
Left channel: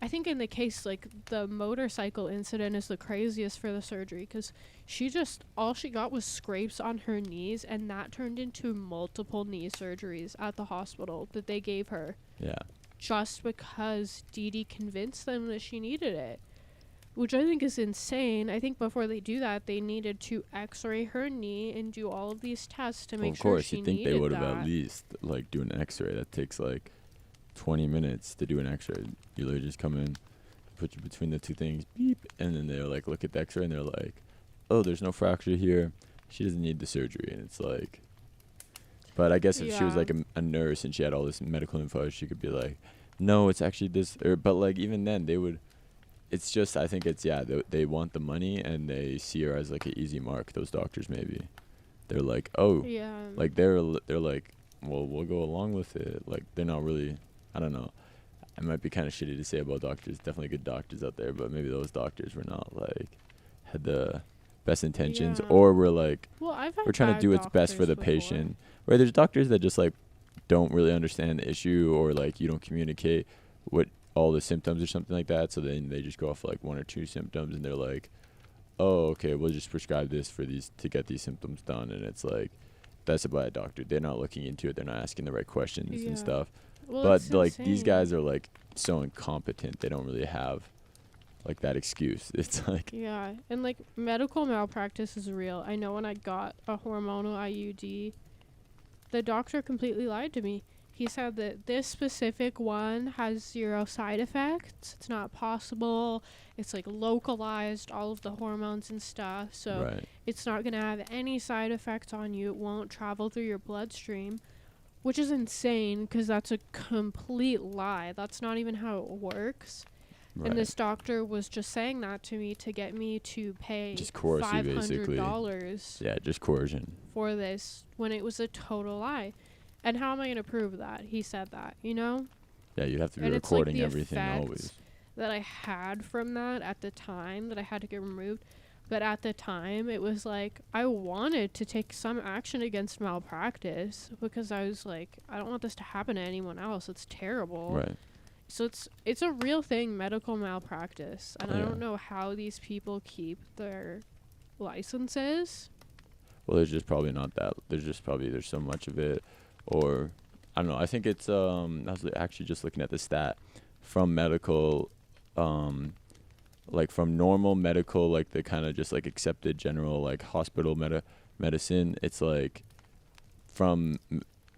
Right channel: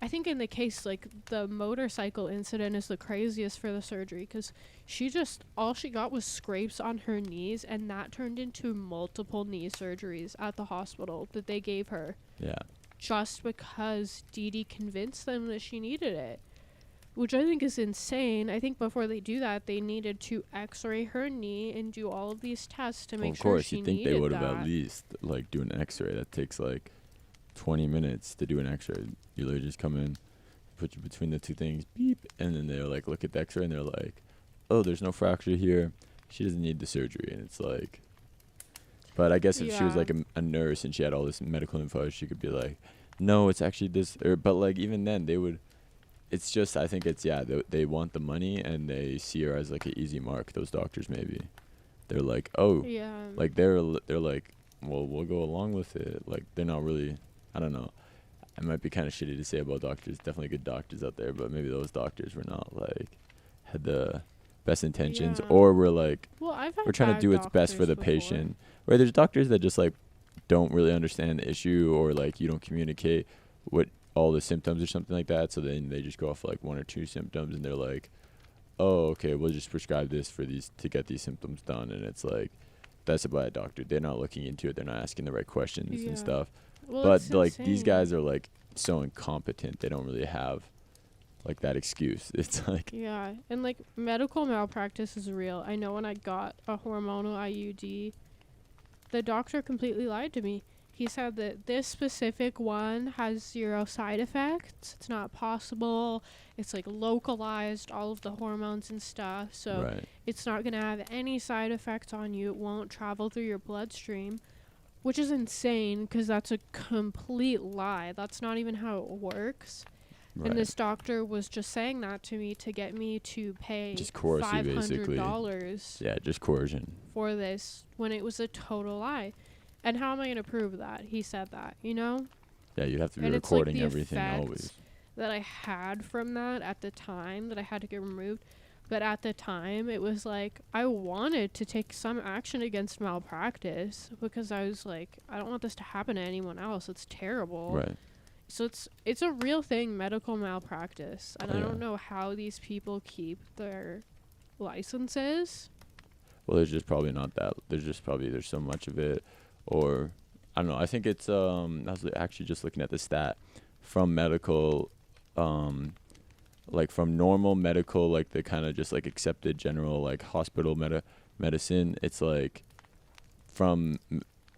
I think in the case, like, the motorcycle incident is the craziest for the surgery, because all she got was scrapes on her knees, and that turned into multiple knee surgeries at the hospital that they gave her. Yeah. Just because Dee Dee convinced them that she needed it. Which I think is insane. I think before they do that, they needed to x-ray her knee and do all of these tests to make sure she needed that. Of course, you'd think they would have at least, like, do an x-ray. That takes, like, 20 minutes to do an x-ray. You literally just come in, put you between the two things, beep, and then they're like, look at the x-ray, and they're like, oh, there's no fracture here. She doesn't need the surgery. And it's like, but I guess if she was, like, a nurse and she had all this medical info, she could be like, no, it's actually this. But, like, even then, they would... It's just, I think it's, they want the money, and they see her as, like, an easy mark, those doctors maybe. They're like, oh. Yeah. Like, they're like, well, we'll go along with it. Like, they're not really, I don't know. It might be kind of shitty to say about doctors. Definitely good doctors out there, but maybe those doctors were not, like, had the best intentions. Yeah. Or were, like, we're trying to do what's best for the patient. Right, there's doctors that just, like, don't really understand the issue, or, like, you don't communicate what all the symptoms or something like that, so then they just go off like one or two symptoms, and they're like, oh, okay, we'll just prescribe this for these to get these symptoms done. And it's like, that's about a doctor. They're not looking into it. They're not asking the right questions and stuff. Well, but like insane. These guys are like so incompetent. They don't really have like that excuse. It's like, and like medical malpractice is real. I know when I got a hormonal IUD, the doctor completely lied to me. He said that this specific one has 0 side effects. It's not possible. It's like localized, all of the hormones and stuff. So it's not going to have any side effects on you. It won't travel through your bloodstream, which is insane because that's a complete lie. That's not even how it works. Right. And this doctor was just saying that to me to get me to pay just $500. Yeah, just coercion. For this when it was a total lie. And how am I going to prove that? He said that, you know? Yeah, you'd have to be recording everything always. That I had from that at the time, that I had to get removed. But at the time, it was like, I wanted to take some action against malpractice, because I was like, I don't want this to happen to anyone else. It's terrible. Right. So it's a real thing, medical malpractice. And I don't know how these people keep their licenses. Well, there's just probably not that. There's so much of it. Or, I don't know, I think it's, I was actually just looking at the stat from medical, like from normal medical, like the kind of just like accepted general, like hospital medicine, it's like from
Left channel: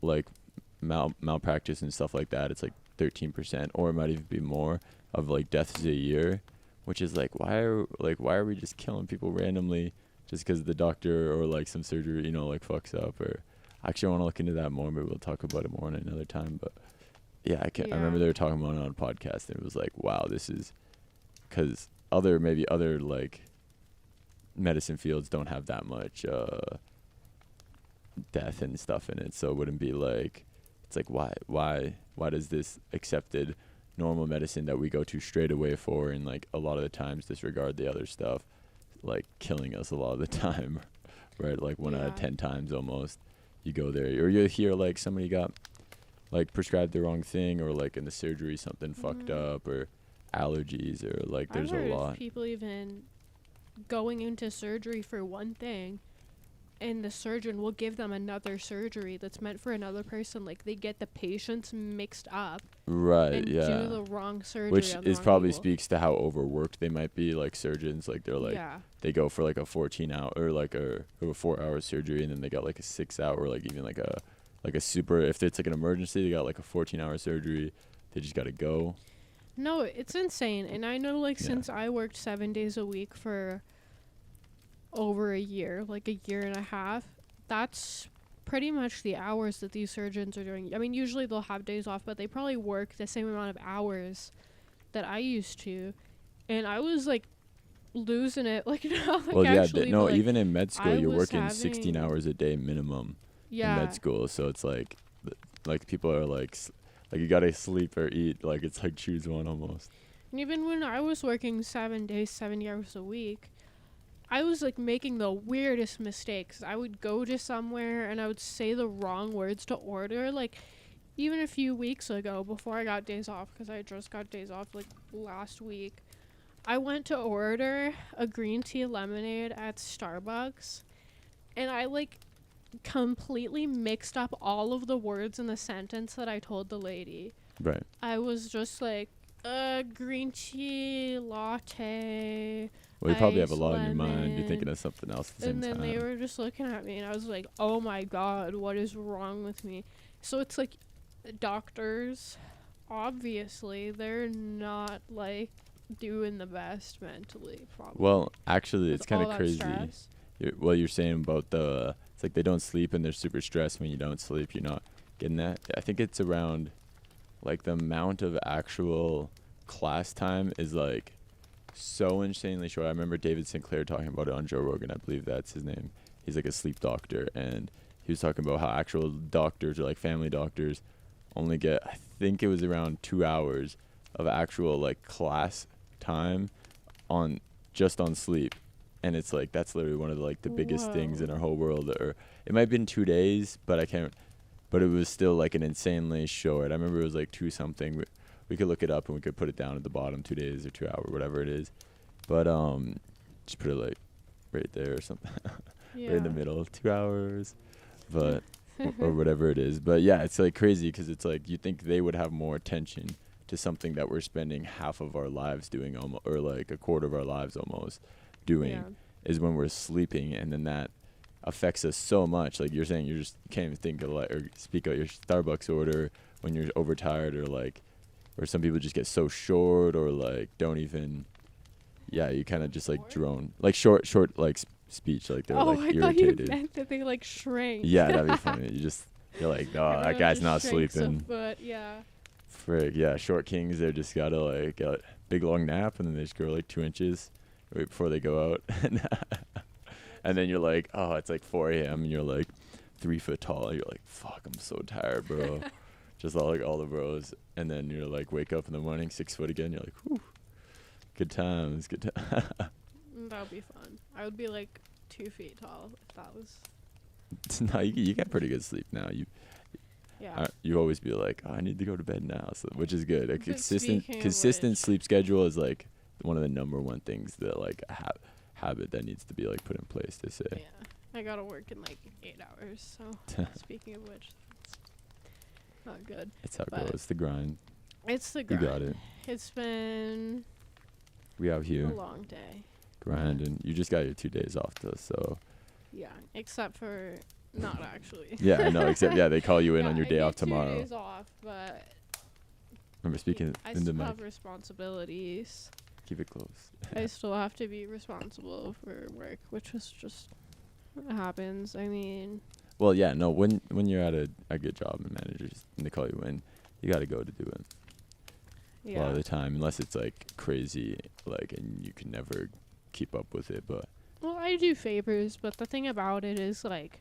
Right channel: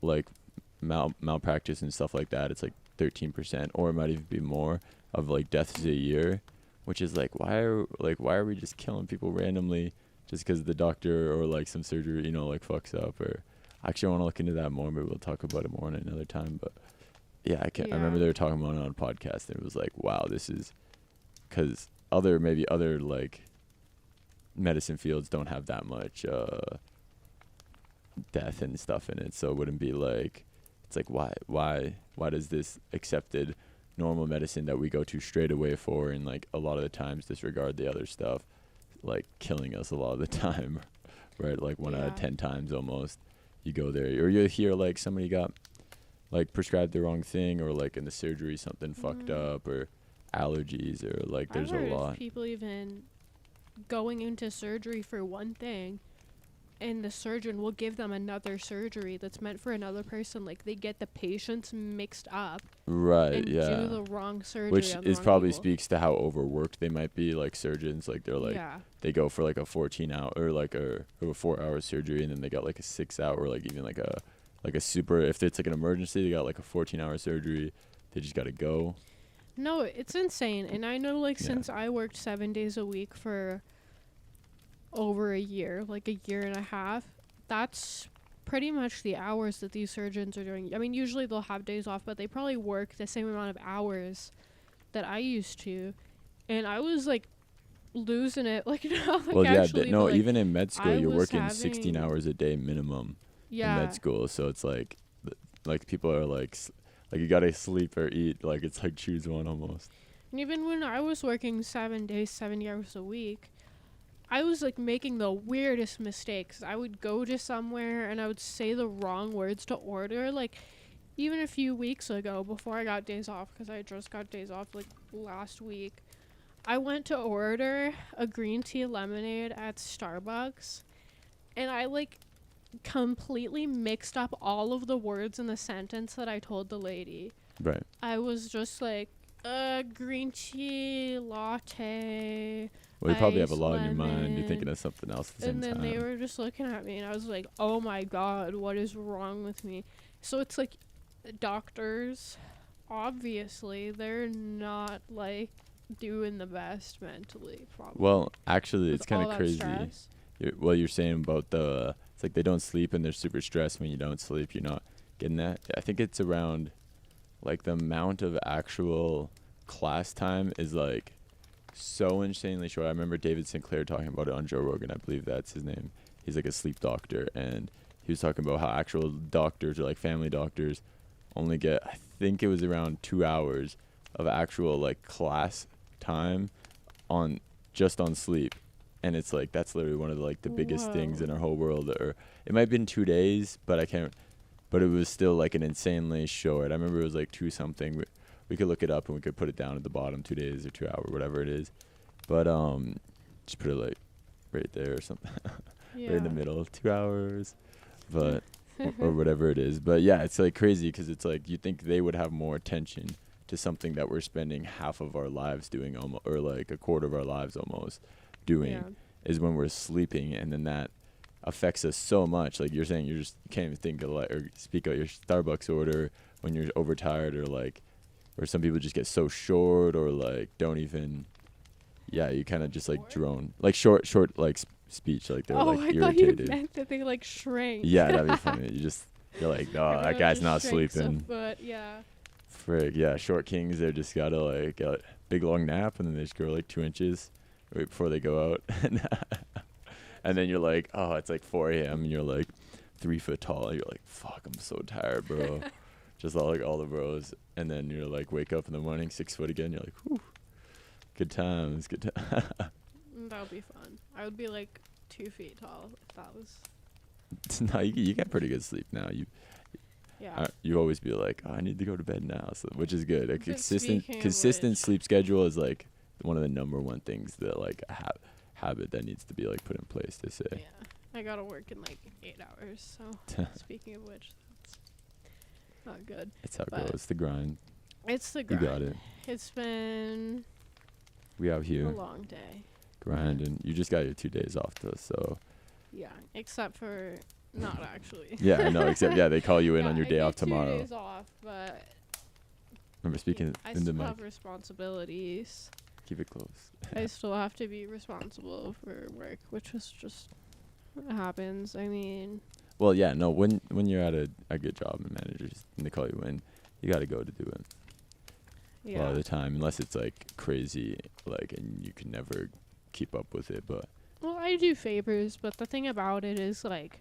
like malpractice and stuff like that, it's like 13%, or it might even be more, of like deaths a year, which is like, why are we just killing people randomly just because the doctor or like some surgery, you know, like fucks up? Or actually, I want to look into that more. Maybe we'll talk about it more on another time. But yeah, I remember they were talking about it on a podcast, and it was like, wow, this is because other like medicine fields don't have that much death and stuff in it, so it wouldn't be like it's like why does this accepted normal medicine that we go to straight away for, and like a lot of the times disregard the other stuff, like killing us a lot of the time, right? Like 1 out of 10 times almost you go there, or you hear like somebody got like prescribed the wrong thing, or like in the surgery something fucked up, or allergies, or like there's I've heard a lot. of people even going into surgery for one thing, and the surgeon will give them another surgery that's meant for another person. Like they get the patients mixed up, Right, and yeah. do the wrong surgery. Which on the is wrong probably people. speaks to how overworked they might be, like surgeons. Like they're like, they go for like a 14-hour or like a 4-hour surgery, and then they got like a 6-hour, like even like a super, if it's like an emergency, they got like a 14-hour surgery. They just got to go. No, it's insane. And I know, like, since I worked 7 days a week for over a year, like a year and a half, that's pretty much the hours that these surgeons are doing. I mean, usually they'll have days off, but they probably work the same amount of hours that I used to. And I was, like, losing it. Like, like Well, yeah, actually, no, like, even in med school, I you're was working 16 hours a day minimum in med school. So it's like people are like you got to sleep or eat. Like, it's like choose one almost. And even when I was working 7 days, 70 hours a week, I was like making the weirdest mistakes. I would go to somewhere and I would say the wrong words to order. Like, even a few weeks ago, before I got days off, because I just got days off like last week, I went to order a green tea lemonade at Starbucks, and I like completely mixed up all of the words in the sentence that I told the lady. Right. I was just like, green tea latte. Well, you probably have a ice lot in your mind. You're lemon. thinking of something else at the same And then time. they were just looking at me, and I was like, oh my god, what is wrong with me? So it's like, doctors, obviously, they're not like doing the best mentally, probably. Well, actually, With it's kind all of that crazy. stress. You're saying about it's like they don't sleep and they're super stressed. When you don't sleep, you're not getting that. I think it's around, like, the amount of actual class time is like so insanely short. I remember David Sinclair talking about it on Joe Rogan. I believe that's his name. He's like a sleep doctor, and he was talking about how actual doctors, or like family doctors, only get, I think it was around 2 hours of actual like class time on sleep. And it's like, that's literally one of the biggest things in our whole world. Or it might have been 2 days, but but it was still like an insanely short. I remember it was like 2 something. We could look it up and we could put it down at the bottom, 2 days or 2 hour, whatever it is. But just put it like right there or something, right in the middle, 2 hours, but or whatever it is. But yeah, it's like crazy, because it's like you think they would have more attention to something that we're spending half of our lives doing, or like a quarter of our lives almost doing, is when we're sleeping. And then that affects us so much. Like you're saying, you can't even think of or speak out your Starbucks order when you're overtired, or some people just get so short, or like don't even, you kind of just like drone, like short like speech, like they're like irritated. I thought you meant that they like shrank. Yeah, that'd be funny. You're like, oh, that guy's not sleeping. But yeah. Frig, yeah, short kings, they just gotta like get a big long nap, and then they just grow like 2 inches right before they go out. And then you're like, oh, it's like 4 a.m. and you're like 3 foot tall. You're like, fuck, I'm so tired, bro. Just all the bros. And then you're like, wake up in the morning, 6 foot again. You're like, whew, good times, good time. That would be fun. I would be like 2 feet tall if that was. No, you get pretty good sleep now. You always be like, oh, I need to go to bed now, so, which is good. A consistent sleep schedule is like one of the number one things that like a habit that needs to be like put in place, to say. Yeah, I gotta work in like 8 hours. So speaking of which, it's not good. It's how it goes. It's the grind. It's the grind. You got it. It's been we out here a long day. grinding. You just got your 2 days off though, so. Yeah, except for not actually. Yeah, I know. Except they call you in on your day off tomorrow. 2 days off, but remember speaking I in the still mic. have responsibilities. Keep it close. I still have to be responsible for work, which is just happens. I mean. Well, yeah, no. When you're at a good job and managers and they call you in, you got to go to do it. Yeah. A lot of the time, unless it's like crazy, like, and you can never keep up with it. But Well, I do favors, but the thing about it is like,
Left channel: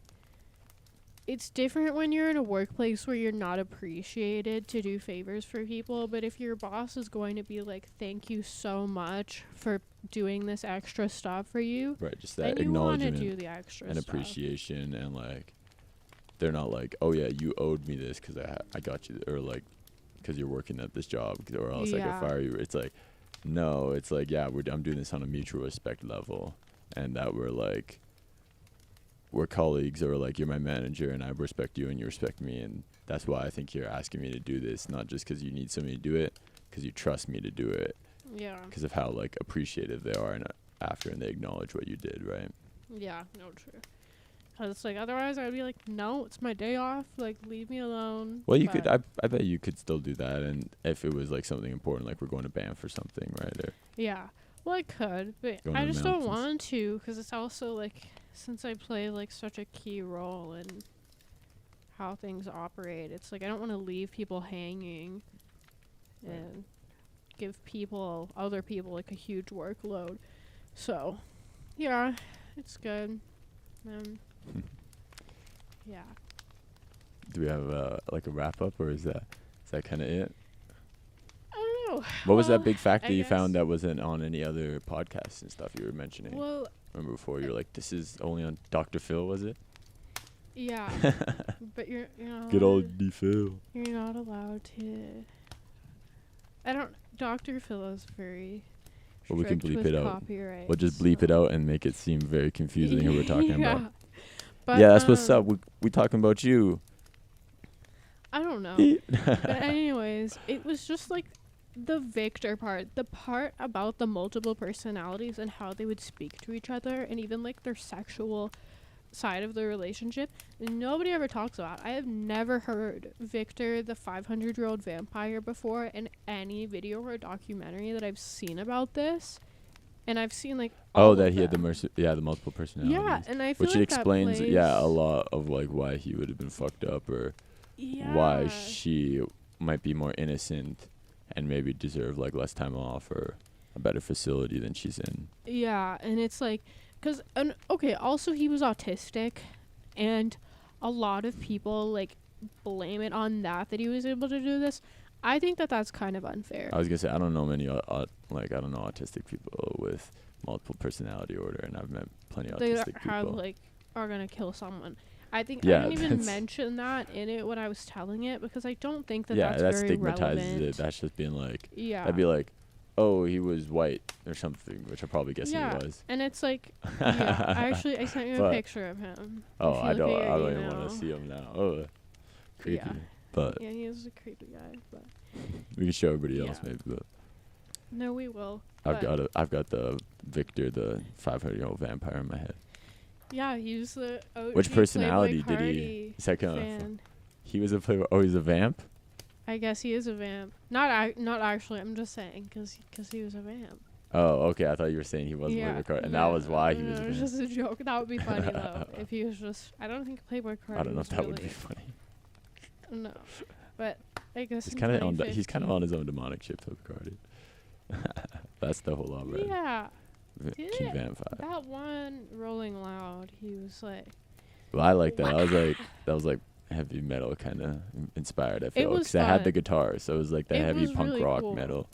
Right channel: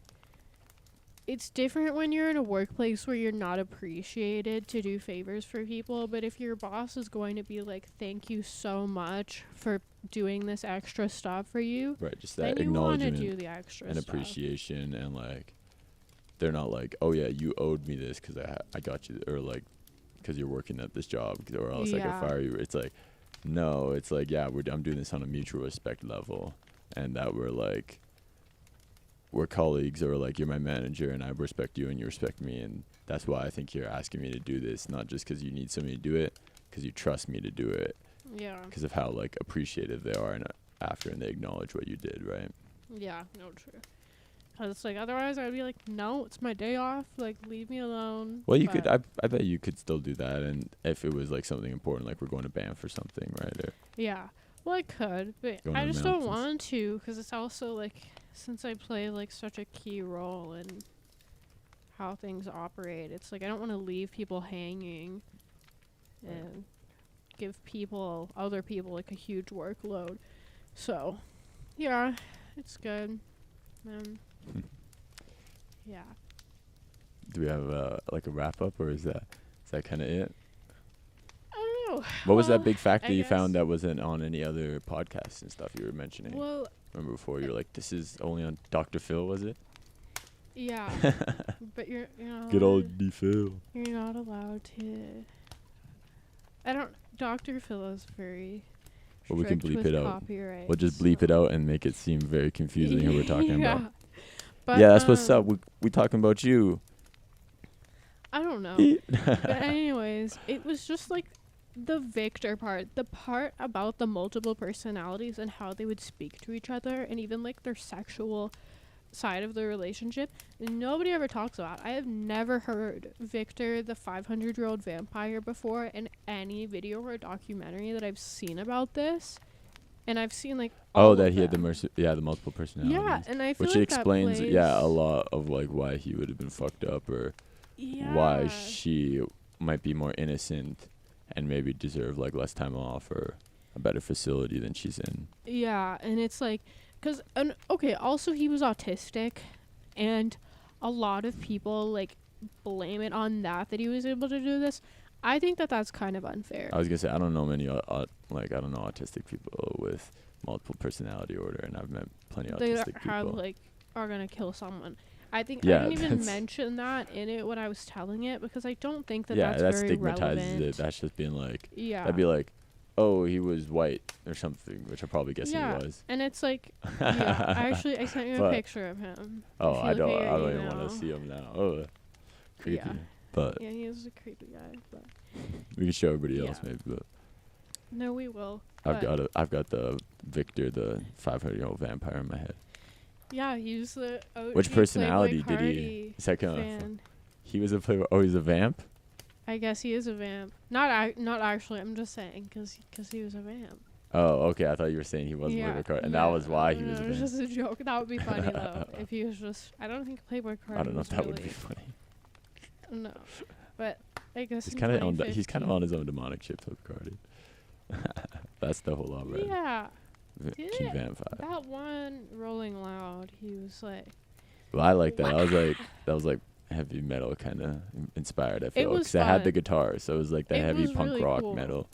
it's different when you're in a workplace where you're not appreciated to do favors for people, but if your boss is going to be like, thank you so much for doing this extra stuff for you, Right, just that then you want to acknowledgement do the extra and stuff. appreciation, and like they're not like, oh yeah, you owed me this because I got you, or like because you're working at this job, or else I Yeah. could fire you. It's like, no, it's like, yeah, I'm doing this on a mutual respect level, and that we're colleagues, or like you're my manager and I respect you and you respect me, and that's why I think you're asking me to do this, not just because you need somebody to do it, because you trust me to do it, Yeah. because of how like appreciative they are and after, and they acknowledge what you did, right? Yeah, no, true. 'Cause it's like, otherwise I'd be like, no, it's my day off. Like, leave me alone. Well, you But could, I bet you could still do that, and if it was like something important, like we're going to Banff or something, right? Or yeah. Well, I could, but Going I to the just don't mountains. want to, because it's also like, since I play like such a key role in how things operate, it's like I don't want to leave people hanging Right. and give other people like a huge workload. So, yeah, it's good. Yeah. do we have like a wrap up, or is that kind of it? I don't know. What was Well, that big fact I that you guess- found that wasn't on any other podcasts and stuff you were mentioning? Well, Remember before you were like, this is only on Dr. Phil, was it? yeah. But you're not Good allowed- old D. Phil. You're not allowed to. Dr. Phil is very. Well, we can strict bleep with it out. copyright, We'll just bleep it so- out and make it seem very confusing who we're talking yeah. about. But, Yeah, that's what's up. We talking about you. I don't know. But anyways, it was just like the Victor part, the part about the multiple personalities and how they would speak to each other, and even like their sexual side of the relationship. Nobody ever talks about. I have never heard Victor, the 500-year-old vampire, before in any video or documentary that I've seen about this. And I've seen like all Oh, of that he had them. the multiple personalities. Yeah, and I feel Which like it explains, that yeah, a plays- lot of like why he would have been fucked up, or Yeah. why she might be more innocent and maybe deserve like less time off or a better facility than she's in. Yeah, and it's like, okay, also he was autistic, and a lot of people like blame it on that he was able to do this. I think that that's kind of unfair. I was gonna say, I don't know many I don't know autistic people with multiple personality order, and I've met plenty of They autistic have people. like are gonna kill someone. I think Yeah, I didn't even that's- mention that in it when I was telling it, because I don't think that Yeah, that's that very stigmatizes relevant. it. That's just being like, Yeah. that'd be like, oh, he was white or something, which I probably guessing Yeah, he was. and it's like, yeah, I sent you a But- picture of him. Oh, If you I look don't. at your I don't even email. want to see him now. Oh, creepy. Yeah. But Yeah, he is a creepy guy, but we can show everybody else Yeah. maybe. But no, we will. I've but- got the Victor, the 500-year-old vampire in my head. Yeah, he's the OG Which personality Playboy did he? Cardi Is that kind of? fan. He was a playboy. Oh, he's a vamp. I guess he is a vamp. Not actually. I'm just saying because he was a vamp. Oh, okay. I thought you were saying he wasn't Yeah, Playboy Cardi, and no, that was why he was. no, A it was vamp. just a joke. That would be funny though if he was just. I don't think Playboy Cardi. I don't know if was that would be really- funny. No, but I guess He's in kind of on. He's 2015 kind of on his own demonic ship, Playboy Cardi. That's the whole opera. Yeah, King Yeah. Vampire. that one Rolling Loud. He was like. Well, I like that. That was like heavy metal kind of inspired. I feel was because it had the fun. guitar, so it was like the It heavy was punk really rock cool. metal.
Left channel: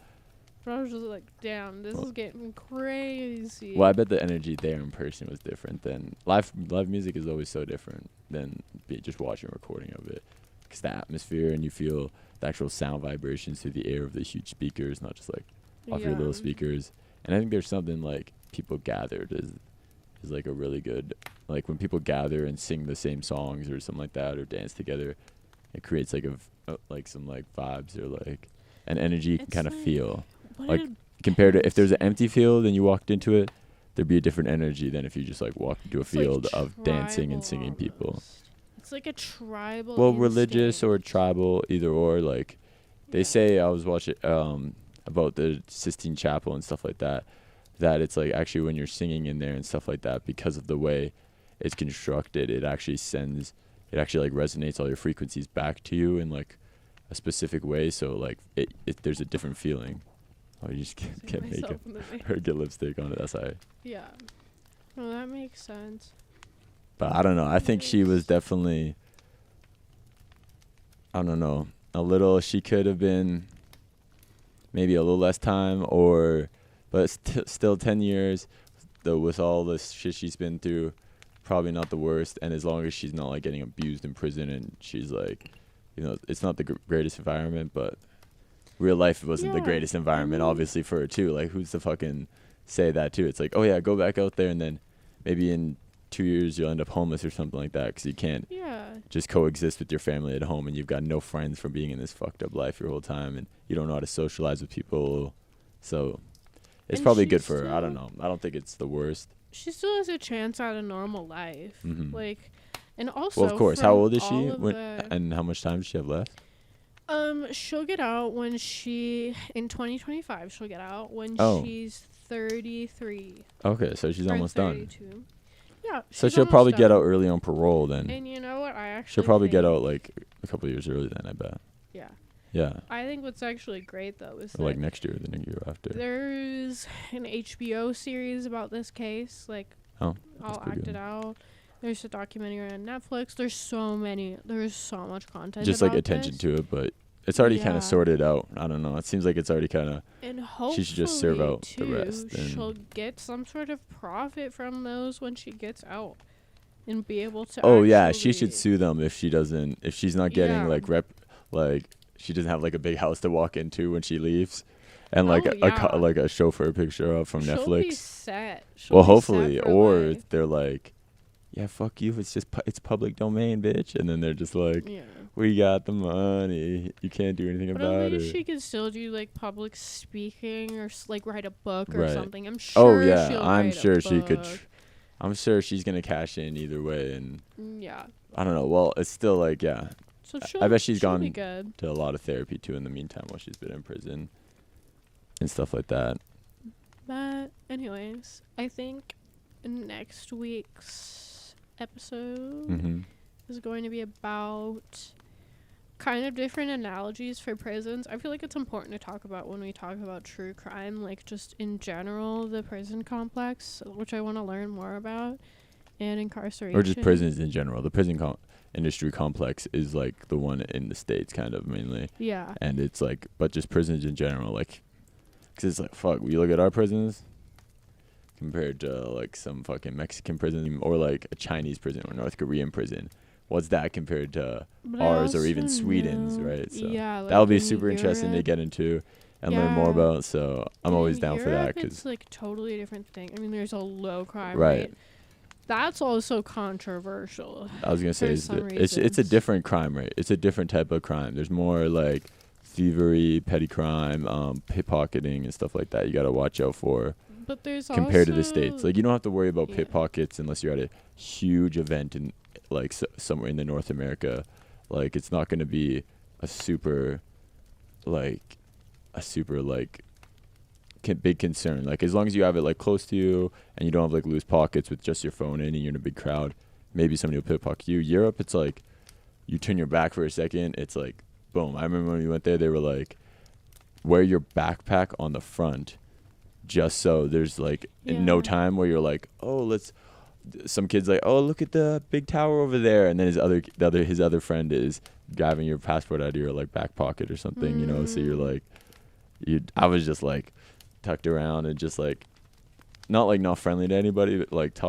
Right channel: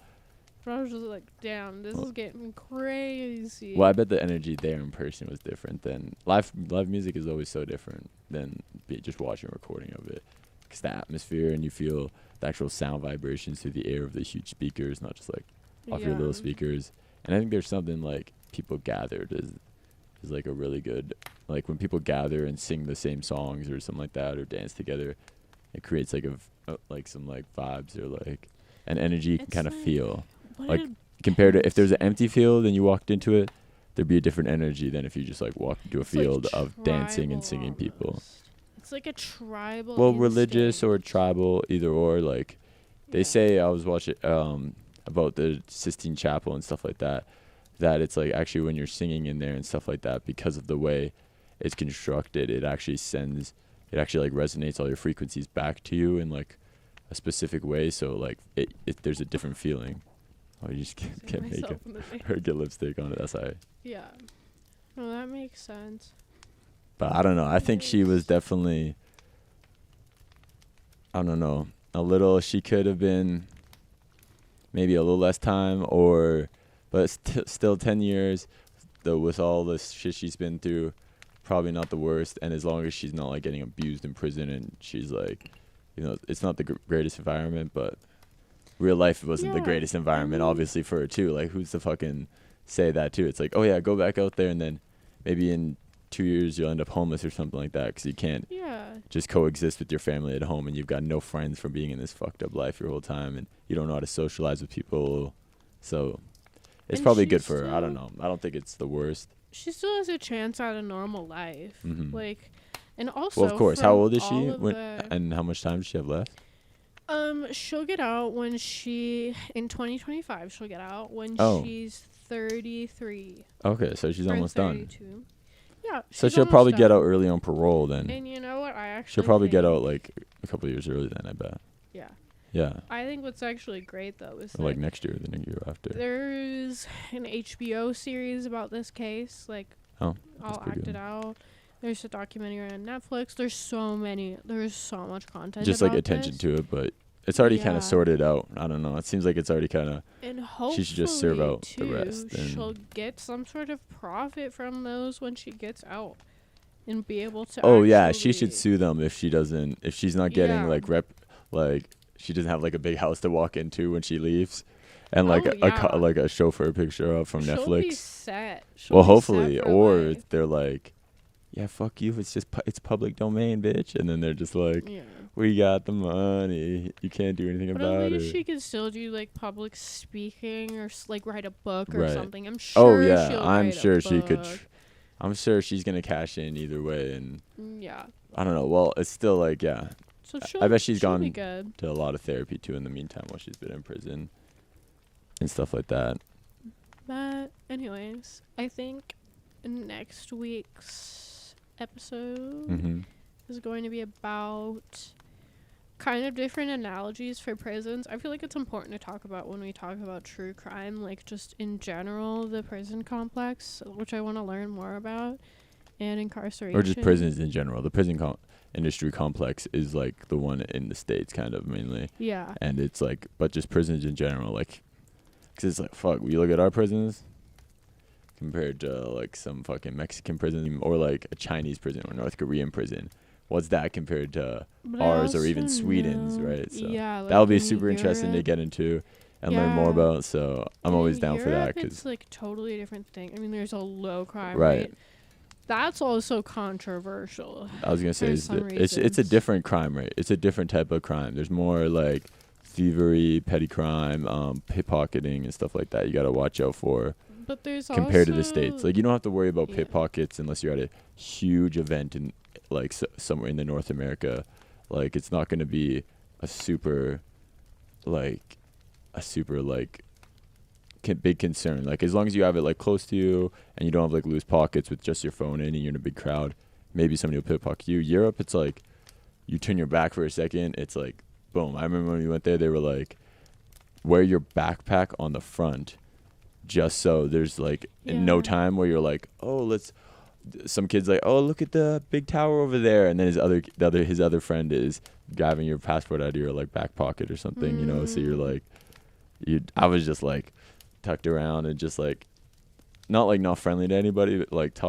But I was just like, damn, this Well- is getting crazy. Well, I bet the energy there in person was different than live music is always so different than just watching a recording of it. Because the atmosphere, and you feel the actual sound vibrations through the air of the huge speakers, not just like off your little Yeah. speakers. And I think there's something like people gathered is like a really good, like when people gather and sing the same songs or something like that, or dance together, it creates like like some like vibes or like an energy you can It's kind of like- feel. What like, did- Compared to if there's an empty field and you walked into it, there'd be a different energy than if you just like walked into a it's like field of dancing and tribal singing people. almost. It's like a tribal. Well, religious or instinct. tribal, either or. Like they Yeah. say, I was watching about the Sistine Chapel and stuff like that. That it's like actually when you're singing in there and stuff like that, because of the way it's constructed, it actually like resonates all your frequencies back to you in like a specific way. So like there's a different feeling. Oh, you just Seeing can't make myself it in the mirror. or get lipstick on it. That's how. Yeah. Well, that makes sense. But I don't know. I think she was definitely I don't know, she could have been maybe a little less time, but still 10 years, though, with all the shit she's been through, probably not the worst. And as long as she's not like getting abused in prison, and she's like, it's not the greatest environment, but real life wasn't the greatest environment, obviously, for her too. Like, who's to fucking say that too? It's like, oh yeah, go back out there, and then maybe in 2 years you'll end up homeless or something like that, because you can't just coexist with your family at home, and you've got no friends from being in this fucked up life your whole time, and you don't know how to socialize with people. So it's probably good for her. I don't know. I don't think it's the worst. She still has a chance at a normal life. Mm-hmm. Like, and also, well, of course. How old is she? And how much time does she have left? She'll get out in 2025. She'll get out when she's 33. Okay, so she's almost 32. done. Yeah. So she'll probably get out early on parole then. And you know what? She'll probably get out like a couple of years early then, I bet. Yeah. Yeah. I think what's actually great though is like next year, the next year after. There's an HBO series about this case, like all acted out. There's a documentary on Netflix. There's so much content. Just like attention to it, but it's already kind of sorted out. I don't know. It seems like it's already kind of. And hopefully she should just serve out the rest. And she'll get some sort of profit from those when she gets out, and be able to. Oh yeah, she should sue them if she's not getting she doesn't have like a big house to walk into when she leaves, and like a chauffeur picture of from Netflix. Be set. Well, hopefully, or they're like, yeah, fuck you. It's public domain, bitch. And then they're just like, we got the money. You can't do anything about it. She could still do like public speaking or like write a book or something. I'm sure. Oh yeah, I'm sure she could. I'm sure she's gonna cash in either way, and I don't know. Well, it's still like So I bet she's gone to a lot of therapy too in the meantime while she's been in prison and stuff like that. But anyways, I think next week's episode is going to be about kind of different analogies for prisons. I feel like it's important to talk about when we talk about true crime, like just in general, the prison complex, which I want to learn more about, and incarceration. Or just prisons in general. The prison industry complex is like the one in the States kind of mainly. Yeah. And it's like, but just prisons in general, like, because it's like, fuck, we look at our prisons compared to like some fucking Mexican prison or like a Chinese prison or North Korean prison. What's that compared to ours or even Sweden's, right? So that'll be super interesting to get into and learn more about. So I'm always down for that. It's like totally different thing. I mean, there's a low crime rate. That's also controversial. I was gonna say it's a different crime rate. It's a different type of crime. There's more like thievery, petty crime, pickpocketing and stuff like that. You gotta watch out for. But there's compared to the States, like you don't have to worry about pickpockets unless you're at a huge event in like somewhere in the North America. Like it's not gonna be a super big concern. Like as long as you have it like close to you and you don't have like loose pockets with just your phone in and you're in a big crowd, maybe somebody will pickpocket you. Europe, it's like you turn your back for a second, it's like boom. I remember when we went there, they were like, wear your backpack on the front, just so there's like in no time where you're like, some kid's like, oh, look at the big tower over there, and then his other friend is grabbing your passport out of your like back pocket or something, you know. So you're like, I was just like tucked around and just like not friendly to anybody, but like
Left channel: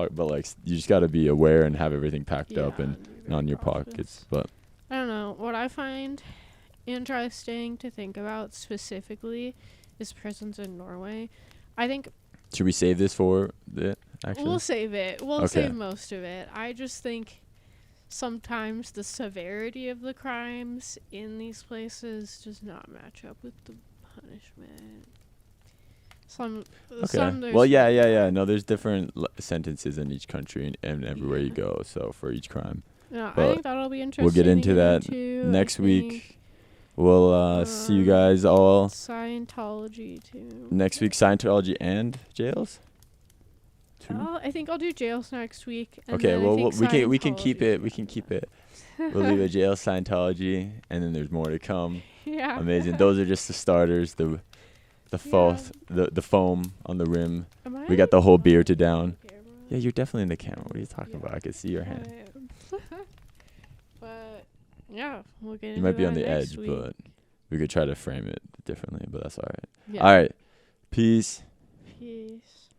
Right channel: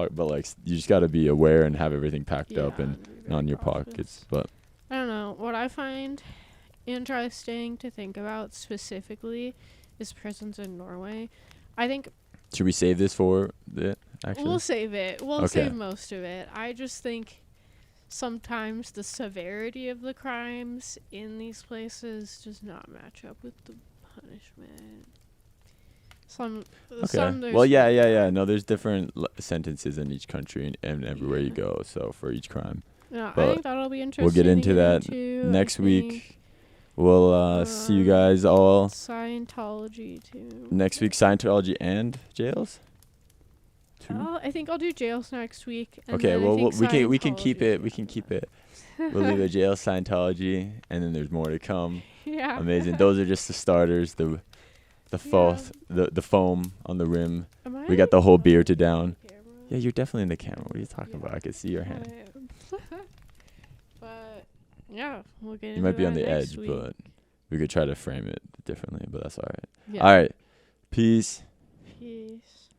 you just got to be aware and have everything packed up and not in your pockets. But I don't know, what I find interesting to think about specifically is prisons in Norway. I think should we save this for it? Actually, we'll save it. We'll save most of it. I just think sometimes the severity of the crimes in these places does not match up with the punishment. No, there's different sentences in each country and everywhere you go. So for each crime. Yeah, I think that'll be interesting. We'll get into that next week. We'll see you guys all. Scientology too. Next week, Scientology and jails. I think I'll do jails next week. Okay, well we can keep it. We can keep it. We'll leave it jail, Scientology, and then there's more to come. Yeah. Amazing. Those are just the starters. The foam on the rim. We got the whole beer to down. Yeah, you're definitely in the camera. What are you talking about? I can see your hand. But Yeah, we'll get You into might be that on the next edge, week. but we could try to frame it differently, but that's all right. Yeah. All right. Peace. Peace.